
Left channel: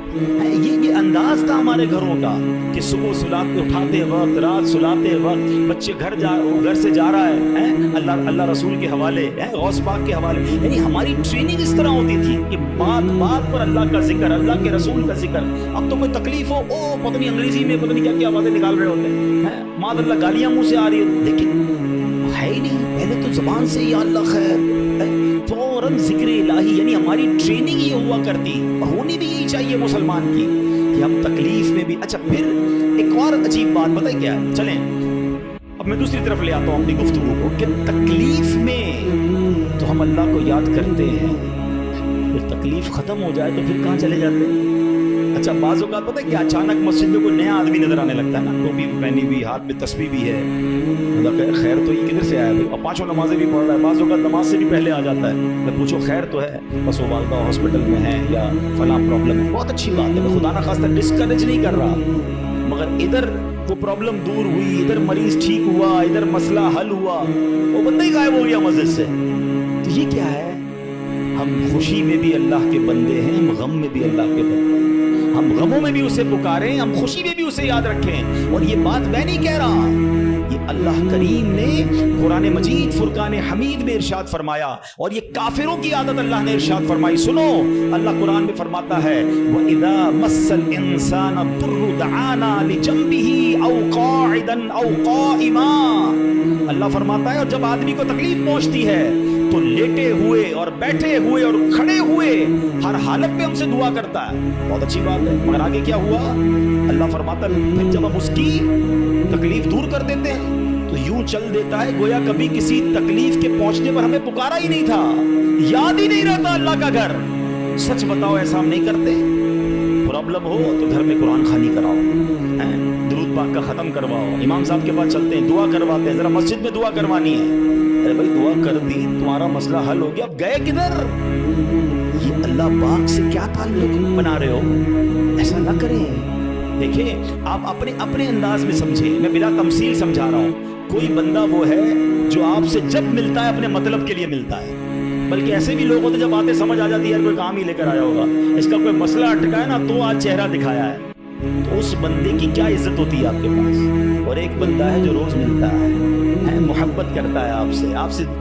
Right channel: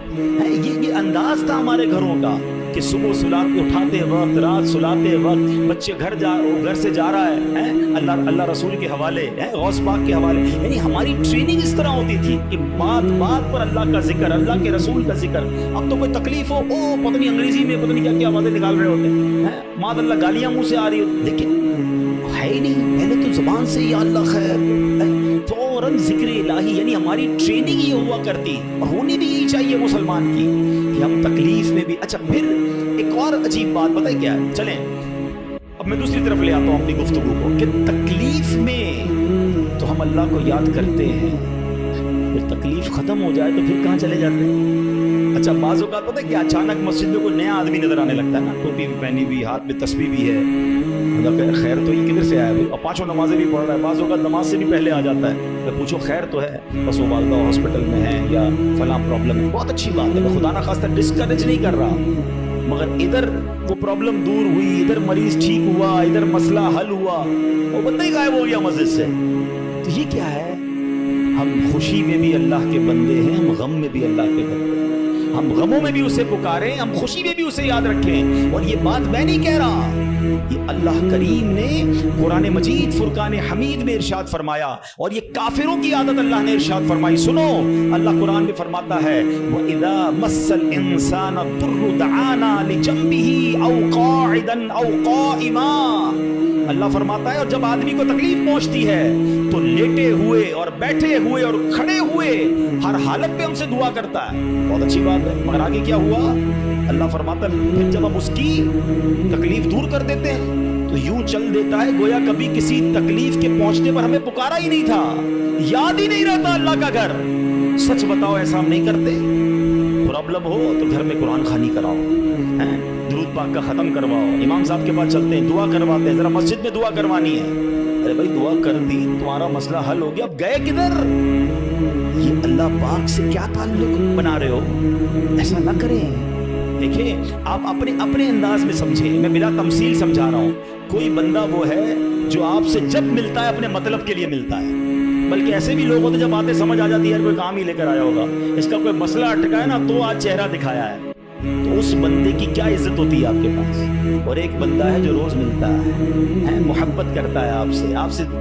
یہ انداز تھا ہمارے گھروں کا کہ صبح سلاتے اٹھاتے وقت, رات سلاتے وقت, بچے گھر سے جا رہا ہے, اللہ رسول کے حوالے, غوث پاک کے حوالے. یعنی ہماری ٹریننگ اس طرح ہوتی تھی کہ بات بات پر اللہ کا ذکر, اللہ کے رسول کا ذکر. اب تو کوئی تکلیف ہو, پتہ نہیں انگریزی میں پتہ نہیں کیا کیا آوازیں نکال رہے ہوتے ہیں, معاذ اللہ گالیاں منہ سے آ رہی ہوتی, لیکن ہے ہی نہیں. پہلے تو زبان سے یا اللہ خیر, فوراً ذکر الہی. یعنی ہماری ٹریننگ یہ ہوا کرتی, اور ہونی بھی یہی چاہیے مسلمان کی, کہ ہم تکلیف میں بھی. اچھا پھر ایک اور عجیب بات پتہ ہے کیا ہے, چلیں اب میں دوسری طرف لے آتا ہوں اپنی گفتگو کو, کہ تکلیف میں تو ہم اللہ کو یاد کرتے ہیں, پھر تکلیف ختم ہو جائے تو پھر کہاں چلے جاتے ہیں. اچھا بعض اوقات پتہ ہے کہ اچانک مسجد میں کوئی نیا آدمی نظر آنے لگتا ہے نا, ٹوپی بھی پہنی ہوئی, ہاتھ میں تسبیح بھی ہے, خیر تو یہ کدھر سے آیا ہے, اور 5 نمازیں بھی پڑھ رہا ہے, بعض اوقات نماز سے بھی پہلے آ جاتا ہے. میں پوچھو خیر تو ہے, بس وہ والدہ ہاسپٹل میں ہے یا فلاں پرابلم ہے. بہت اچھی بات ہے, میں خدا نہ خواستہ ڈسکریج نہیں کر رہا, مگر ادھر وہ پرابلم دور ہوئی, ادھر مریض ٹھیک ہوا, ادھر مسئلہ حل ہوا, وہ بندہ ہی غائب ہو گیا مسجد سے. تو یہ کیا ہے؟ ہم خوشی میں بھی اللہ کے بندے ہیں, ہم غم میں بھی اللہ کے بندے ہیں. ہم غموں میں بھی اسے پکاریں, ہم خوشی میں بھی اسے یاد رکھیں. اور یہ بات میں نہیں کہہ رہا, یہ اللہ کریم نے قرآن مجید فرقان حمید میں ارشاد فرمایا، اور یہ کافروں کی عادت اللہ نے ارشاد فرمائی۔ سنو، اللہ قرآن میں فرماتا ہے وَإِذَا مَسَّ الْإِنسَانَ الضُّرُّ دَعَانَا لِجَنبِهِ أَوْ قَاعِدًا أَوْ قَائِمًا۔ اللہ فرماتا ہے اور جب آدمی کو تکلیف پہنچتی ہے تو لیٹے ہوئے اور بیٹھے ہوئے اور کھڑے ہوئے ہر حالت میں ہم سے دعا کرتا ہے۔ بہت اچھی بات ہے، مگر آگے کیا ہوا؟ اللہ فرماتا ہے پھر جب ہم اس کی تکلیف دور کر دیتے ہیں تو یوں چل دیتا ہے گویا کبھی کسی تکلیف کے پہنچنے پر ہمیں پکارا ہی نہیں تھا، یاد ہی نہیں رہتا اللہ کا گھر۔ سچ بتاؤ ایسا ہم نہیں کرتے؟ پرابلم ہو تو گھر میں قرآن خوانی کراؤ، درود پاک کا ختم کرواؤ، امام صاحب کے پاس چلتے ہیں، دعا کرواتے ہیں، ذرا مسجد میں دعا کروانی ہے۔ ارے بھائی دعا کر دی، تمہارا مسئلہ حل ہو گیا، اب گئے کدھر؟ یہ اللہ پاک سے کیا تعلق بنا رہے ہو؟ ایسا نہ کریں۔ دیکھیں آپ اپنے انداز میں سمجھیں، میں بلا تمثیل سمجھا رہا ہوں۔ کوئی بندہ وہ ہے جو آپ سے جب ملتا ہے اپنے مطلب کے لیے ملتا ہے، بلکہ ایسے بھی لوگ ہوتے جب باتیں سمجھ آ جاتی ہے کوئی کام ہی لے کر آیا ہوگا، اس کا کوئی مسئلہ اٹکا ہے نا تو آج چہرہ دکھایا ہے، تو اس بندے کی کیا عزت ہوتی ہے آپ کے پاس؟ اور ایک بندہ ہے جو روز ملتا ہے، محبت کرتا ہے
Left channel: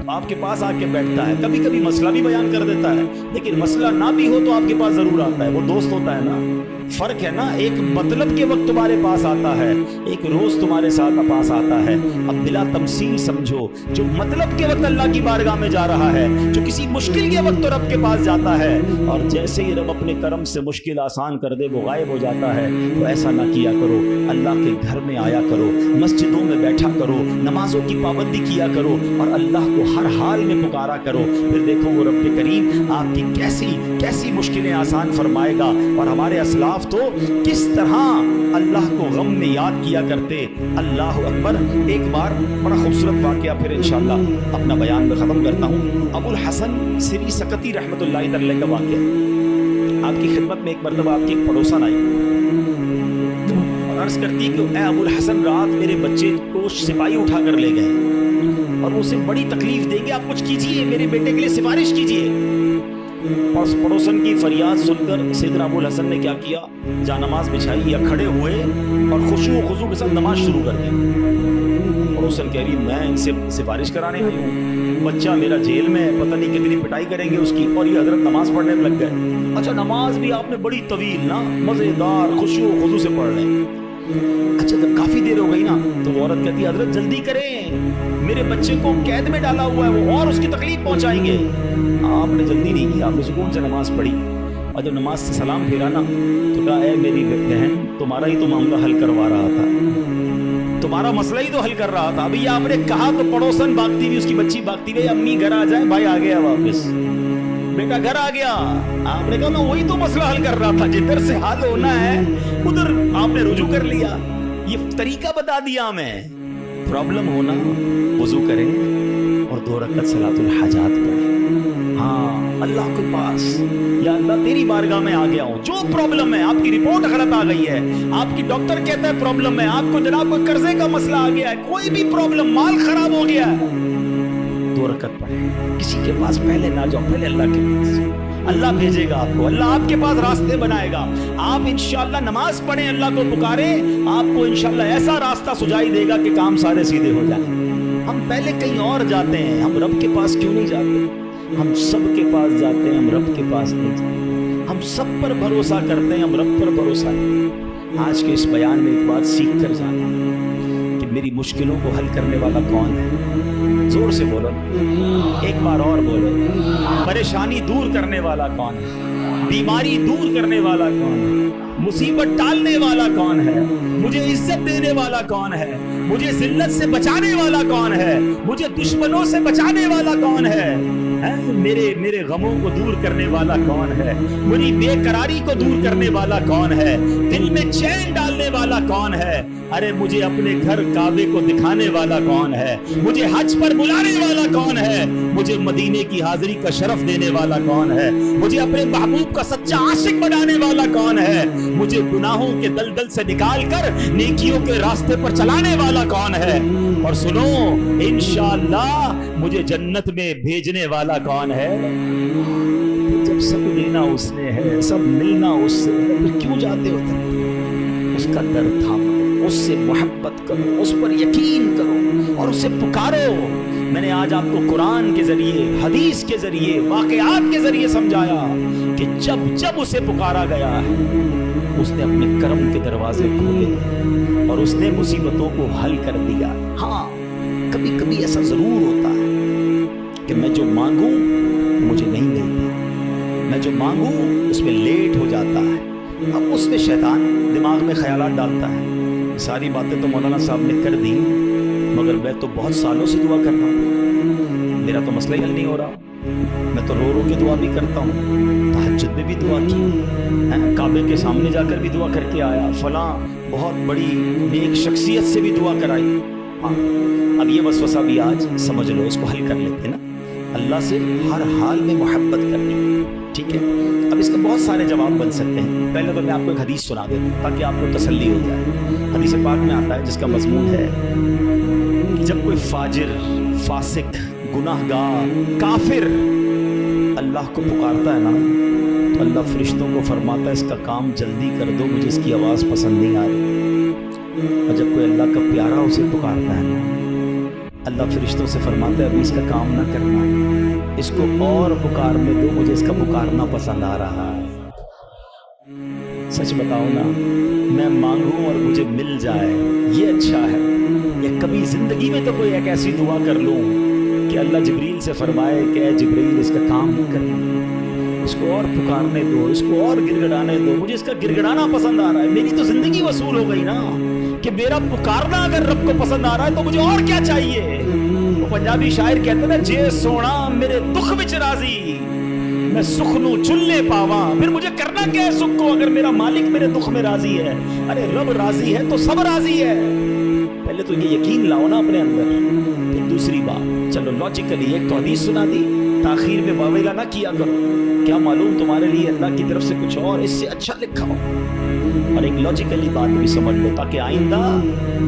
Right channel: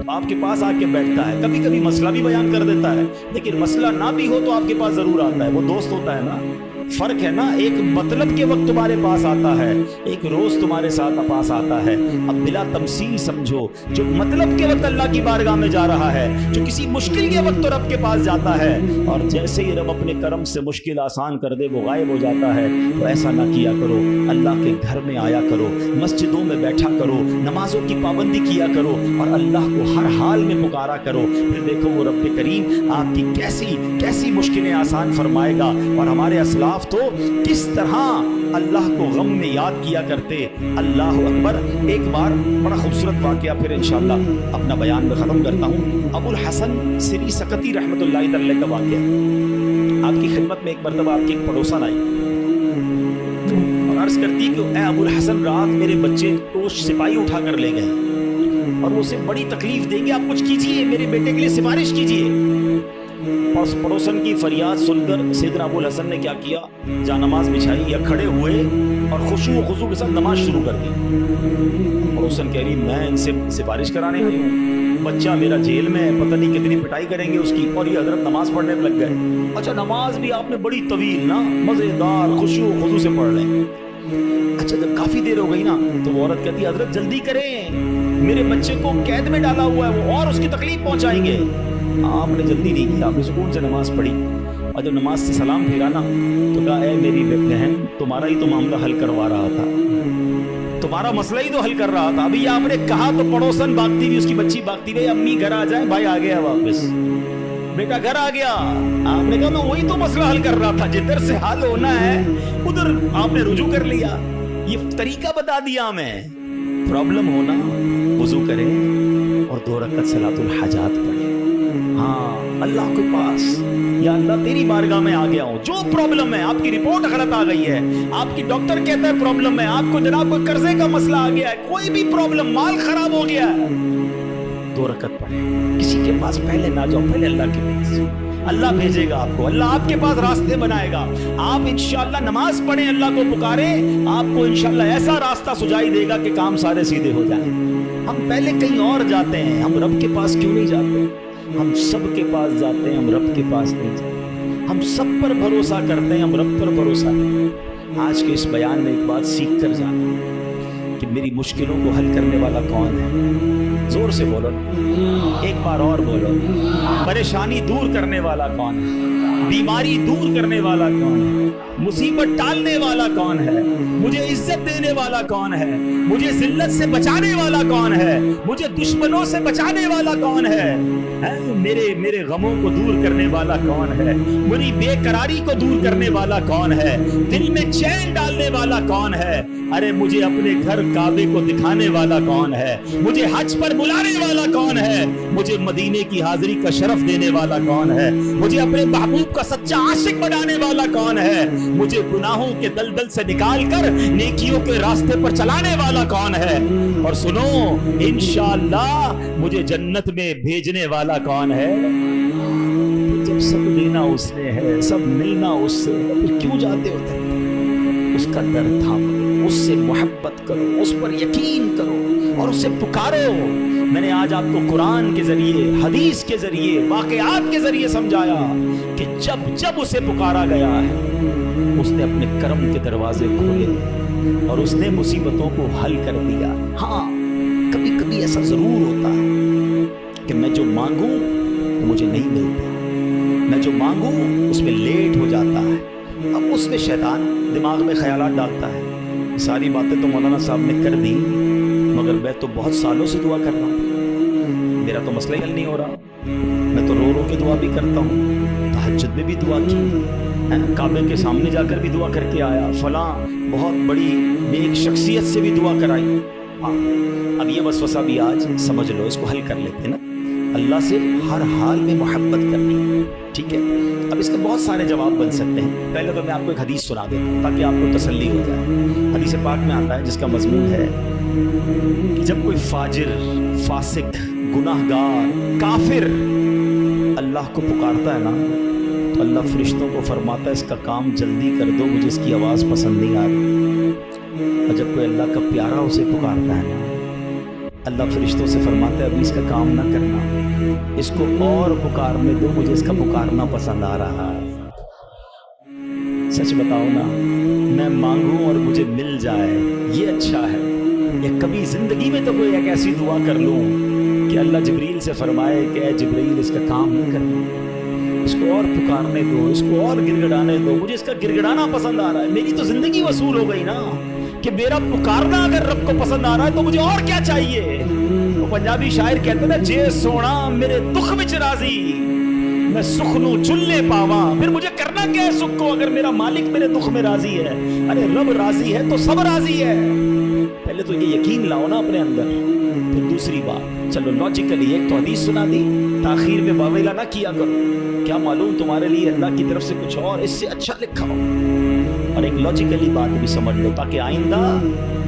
آپ کے پاس آ کے بیٹھتا ہے، کبھی کبھی مسئلہ بھی بیان کر دیتا ہے، لیکن مسئلہ نہ بھی ہو تو آپ کے پاس ضرور آتا ہے، وہ دوست ہوتا ہے نا۔ فرق ہے نا، ایک مطلب کے وقت تمہارے پاس آتا ہے، ایک روز تمہارے ساتھ پاس آتا ہے۔ اب بلا تمثیل سمجھو، جو مطلب کے وقت اللہ کی بارگاہ میں جا رہا ہے، جو کسی مشکل کے وقت تو رب کے پاس جاتا ہے، اور جیسے ہی رب اپنے کرم سے مشکل آسان کر دے وہ غائب ہو جاتا ہے، تو ایسا نہ کیا کرو۔ اللہ کے گھر میں آیا کرو، مسجدوں میں بیٹھا کرو، نمازوں کی پابندی کیا کرو، اور اللہ کو ہر حال میں پکارا کرو، پھر دیکھو وہ رب کریم آپ کی کیسی مشکلیں آسان فرمائے گا۔ اور ہمارے اسلاف تو کس طرح اللہ کو غم میں یاد کیا کرتے۔ اللہ اکبر۔ ایک بار بڑا خوبصورت واقعہ پھر انشاءاللہ اپنا بیان میں ختم کرتا ہوں۔ ابو الحسن سری سکتی رحمۃ اللہ علیہ کا واقعہ۔ آپ کی خدمت میں ایک مرتبہ آپ کی ایک پڑوسن آئی اور عرض کرتی کہ اے ابو الحسن، رات میرے بچے کو سپاہی اٹھا کر لے گئے اور وہ اسے بڑی تکلیف دیں گے، آپ کچھ کیجئے، میرے بیٹے کے لیے سفارش کیجئے۔ پڑوسن کی فریاد سن کر سیدنا ابو الحسن نے کیا کیا، جا نماز بچھائی یا کھڑے ہوئے اور خشوع و خضوع کے ساتھ نماز شروع کر دی۔ پڑوسن کہہ رہی میں ان سے سفارش کرانے آئی ہوں، بچہ میرا جیل میں ہے، پتہ نہیں کتنی پٹائی کریں گے اس کی، اور یہ حضرت نماز پڑھنے میں لگ گئے۔ اچھا نماز بھی آپ نے بڑی طویل نا مزیدار خشوع و خضوع سے پڑھ رہے ہیں۔ اچھا جب کافی دیر ہو گئی نا تو وہ عورت کہتی ہے حضرت جلدی کریں، میرے بچے کو قید میں ڈالا ہوا ہے وہ، اور اس کی تکلیف پہنچائیں گے۔ آپ نے جلدی نہیں کی، آپ نے سکون سے نماز پڑھی، اور جب نماز سے سلام پھیرا نا تو کہا اے میری بہن، تمہارا ہی تو معاملہ حل کروا رہا تھا، تمہارا مسئلہ ہی تو حل کر رہا تھا۔ ابھی یہ آپ نے کہا تو پڑوسن بھاگتی ہوئی، اس کی بچی بھاگتی ہوئی، امی گھر آ جائیں، بھائی آ گیا واپس، بیٹا گھر آ گیا۔ آپ نے کہا میں وہی تو مسئلہ حل کر رہا تھا، جدھر سے حل ہونا ہے ادھر آپ نے رجوع کر لیا، یہ طریقہ بتا دیا ہمیں۔ پرابلم ہونا وضو کریں اور 2 رکعت صلاۃ الحاجات پڑھیں۔ ہاں اللہ کے پاس، یا اللہ تیری بارگاہ میں آ گیا ہوں، جو پرابلم ہے، آپ کی رپورٹ غلط آ گئی ہے، آپ کی ڈاکٹر کہتا ہے پرابلم ہے، آپ کو جناب کوئی قرضے کا مسئلہ آ گیا ہے، کوئی بھی پرابلم، مال خراب ہو گیا ہے، 2 رکعت پڑھیں۔ کسی کے پاس پہلے نہ جاؤ، پہلے اللہ کے پاس، اللہ بھیجے گا آپ کو، اللہ آپ کے پاس راستے بنائے گا۔ آپ انشاءاللہ نماز پڑھیں، اللہ کو پکاریں، آپ کو انشاءاللہ ایسا راستہ سجائی دے گا کہ کام سارے سیدھے ہو جائیں۔ ہم پہلے کہیں اور جاتے ہیں، ہم رب کے پاس کیوں نہیں جاتے؟ ہم سب کے پاس جاتے ہیں، ہم رب کے پاس نہیں جاتے۔ ہم سب پر بھروسہ کرتے ہیں، ہم رب پر بھروسہ نہیں کرتے۔ آج کے اس بیان میں ایک بات سیکھ کر جانا کہ میری مشکلوں کو حل کرنے والا کون ہے؟ زور سے بولو نا، ایک بار اور بولو، پریشانی دور کرنے والا کون ہے؟ بیماری دور کرنے والا کون ہے؟ مصیبت ٹالنے والا کون ہے؟ مجھے عزت دینے والا کون ہے؟ مجھے ذلت سے بچانے والا کون ہے؟ مجھے دشمنوں سے بچانے والا کون ہے؟ میرے غموں کو دور کرنے والا کون ہے؟ میری بے قراری کو دور کرنے والا کون ہے؟ دل میں چین ڈالنے والا کون ہے؟ ارے مجھے اپنے گھر کعبے کو دکھانے والا کون ہے؟ مجھے حج پر بلانے والا کون ہے؟ مجھے مدینے کی حاضری کا شرف دینے والا کون ہے؟ مجھے اپنے محبوب کا سچا عاشق بنانے والا کون ہے؟ مجھے گناہوں کے دلدل سے نکال کر نیکیوں کے راستے پر چلانے والا کون ہے؟ اور سنو انشاءاللہ مجھے جنت میں بھیجنے والا کون ہے؟ جب سب دینا اس نے ہے، سب ملنا اس سے ہے، پھر کیوں جاتے ہو تھے؟ اس کا درد تھام لو، اس سے محبت کرو، اس پر یقین کرو اور اسے پکارو۔ میں نے آج آپ کو قرآن کے ذریعے، حدیث کے ذریعے، واقعات کے ذریعے سمجھایا کہ جب جب اسے پکارا گیا ہے اس نے اپنے کرم کے دروازے کھولے اور اس نے مصیبتوں کو حل کر دیا۔ ہاں کبھی کبھی ایسا ضرور ہوتا ہے کہ میں جو مانگوں وہ مجھے نہیں ملتا، میں جو مانگوں اس میں لیٹ ہو جاتا ہے، اب اس میں شیطان دماغ میں خیالات ڈالتا ہے۔ ساری باتیں تو مولانا صاحب نے کر دی مگر میں تو بہت سالوں سے دعا کر رہا ہوں، میرا تو مسئلہ حل نہیں ہو رہا، میں تو رو رو کے دعا بھی کرتا ہوں، تہجد میں بھی دعا کی، کعبے کے سامنے جا کر بھی دعا کر کے آیا، فلاں بہت بڑی نیک شخصیت سے بھی دعا کرائی۔ اب یہ وسوسہ بھی آج سمجھ لو، اس کو حل کر لیتے نا، اللہ سے ہر حال میں محبت کرنی ہے، ٹھیک ہے؟ اب اس کے بہت سارے جواب بن سکتے ہیں۔ پہلے تو میں آپ کو ایک حدیث سنا دیتا ہوں تاکہ آپ کو تسلی ہو جائے۔ حدیث پاک میں آتا ہے جس کا مضمون ہے کہ جب کوئی فاجر، فاسق، گناہ گار، کافر اللہ کو پکارتا ہے نا تو اللہ فرشتوں کو فرماتا ہے اس کا کام جلدی کر دو، مجھے اس کی آواز پسند نہیں آ رہی۔ اور جب کوئی اللہ کا پیارا اسے پکارتا ہے نا اللہ فرشتوں سے فرماتا ہے ابھی اس کا کام نہ کرنا، اس کو اور پکارنے دو، مجھے اس کا پکارنا پسند آ رہا ہے۔ سچ بتاؤ نا، میں مانگوں اور مجھے مل جائے یہ اچھا ہے، یا کبھی زندگی میں تو کوئی ایک ایسی دعا کر لوں کہ اللہ جبریل سے فرمائے کہ اے جبریل اس کا کام نہیں کرنا، اس کو اور پکارنے دو، اس کو اور گڑگڑانے دو، مجھے اس کا گڑگڑانا پسند آ رہا ہے۔ میری تو زندگی وصول ہو گئی نا کہ میرا پکارنا اگر رب کو پسند آ رہا ہے تو مجھے اور کیا چاہیے۔ وہ پنجابی شاعر کہتے ہیں نا، جے سونا میرے دکھ وچ راضی میں سکھ نو چلے پاواں، پھر مجھے کرنا کیا ہے سکھ کو اگر میرا مالک میرے دکھ میں راضی ہے۔ ارے رب راضی ہے تو سب راضی ہے، پہلے تو یہ یقین لاؤ نا اپنے اندر۔ پھر دوسری بات، چلو لاجیکلی ایک تو حدیث سنا دی، تاخیر میں واویلا نہ کیا کرو، کیا معلوم تمہارے لیے اللہ کی طرف سے کچھ اور اس سے اچھا لکھا ہو۔ اور ایک لاجیکلی بات بھی سمجھ لو تاکہ آئندہ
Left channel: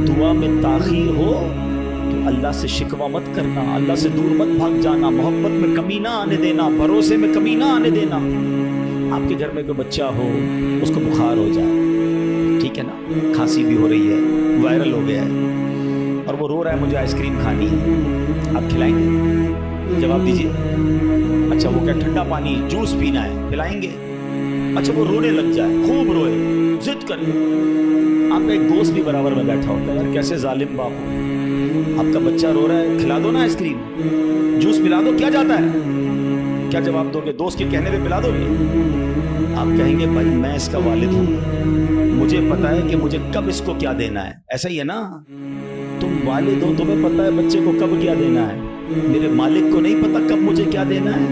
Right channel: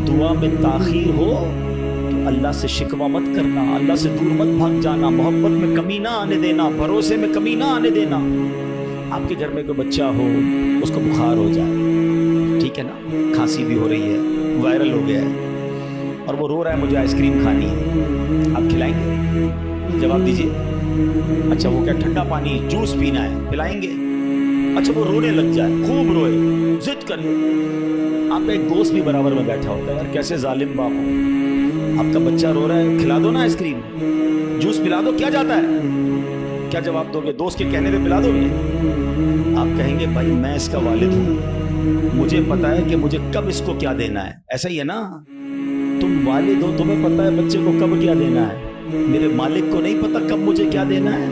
دعا میں تاخیر ہو تو اللہ سے شکوہ مت کرنا، اللہ سے دور مت بھاگ جانا، محبت میں کمی نہ آنے دینا، بھروسے میں کمی نہ آنے دینا۔ آپ کے گھر میں کوئی بچہ ہو، اس کو بخار ہو جائے، ٹھیک ہے نا، کھانسی بھی ہو رہی ہے، وائرل ہو گیا ہے اور وہ رو رہا ہے مجھے آئس کریم کھانی ہے، آپ کھلائیں گے؟ جواب دیجئے۔ اچھا وہ کیا ٹھنڈا پانی جوس پینا ہے، پلائیں گے؟ اچھا وہ رونے لگ جائے، خوب روئے، ضد کرے، آپ کا ایک دوست بھی برابر میں بیٹھا ہوتا ہے، یار کیسے ظالم باپ ہو، آپ کا بچہ رو رہا ہے، کھلا دو نا آئس کریم، جوس پلا دو، کیا جاتا ہے؟ کیا جواب دو گے؟ دوست کے کہنے پہ پلا دو گے؟ آپ کہیں گے بھائی میں اس کا والد ہوں، مجھے پتا ہے کہ مجھے کب اس کو کیا دینا ہے، ایسا ہی ہے نا؟ تم والد ہو، تمہیں پتا ہے بچے کو کب کیا دینا ہے، میرے مالک کو نہیں پتا کب مجھے کیا دینا ہے۔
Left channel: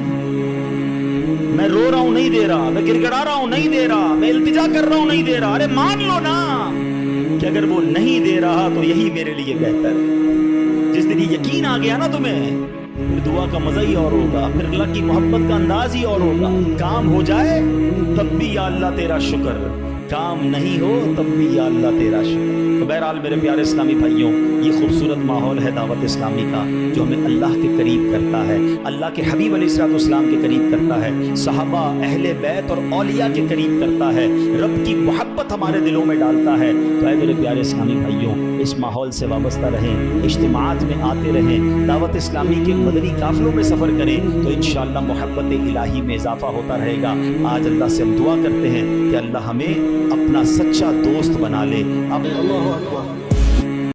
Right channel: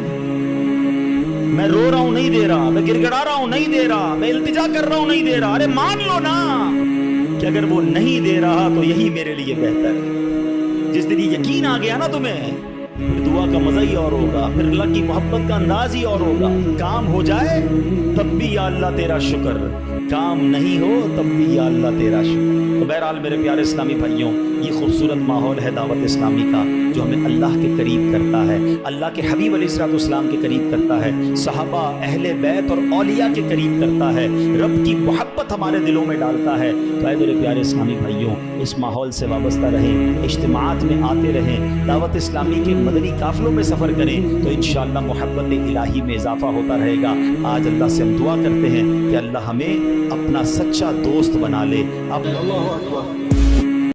میں رو رہا ہوں نہیں دے رہا، میں گڑگڑا رہا ہوں نہیں دے رہا، میں التجا کر رہا ہوں نہیں دے رہا، ارے مان لو نا کہ اگر وہ نہیں دے رہا تو یہی میرے لیے بہتر ہے۔ جس دن یہ یقین آ گیا نا تمہیں، پھر دعا کا مزہ ہی اور ہوگا، پھر اللہ کی محبت کا انداز ہی اور ہوگا۔ کام ہو جائے تب بھی یا اللہ تیرا شکر، کام نہیں ہو تب بھی یا اللہ تیرا شکر۔ تو بہرحال میرے پیارے اسلامی بھائیوں، یہ خوبصورت ماحول ہے دعوت اسلامی کا جو ہمیں اللہ کے قریب کرتا ہے، اللہ کے حبیب علیہ الصلوۃ والسلام کے قریب کرتا ہے، صحابہ، اہل بیت اور اولیاء کے قریب کرتا ہے، رب کی محبت ہمارے دلوں میں ڈالتا ہے۔ تو اے میرے پیارے اسلامی بھائیوں، اس ماحول سے وابستہ رہیں، اجتماعات میں آتے رہیں، دعوت اسلامی کے مدنی قافلوں میں سفر کریں تو انشاءاللہ محبت الہی میں اضافہ ہوتا رہے گا۔ آج اللہ سے ہم دعا کرتے ہیں کہ اللہ ہمیں اپنا سچا دوست بنا لے۔ اب اللہ اکبر۔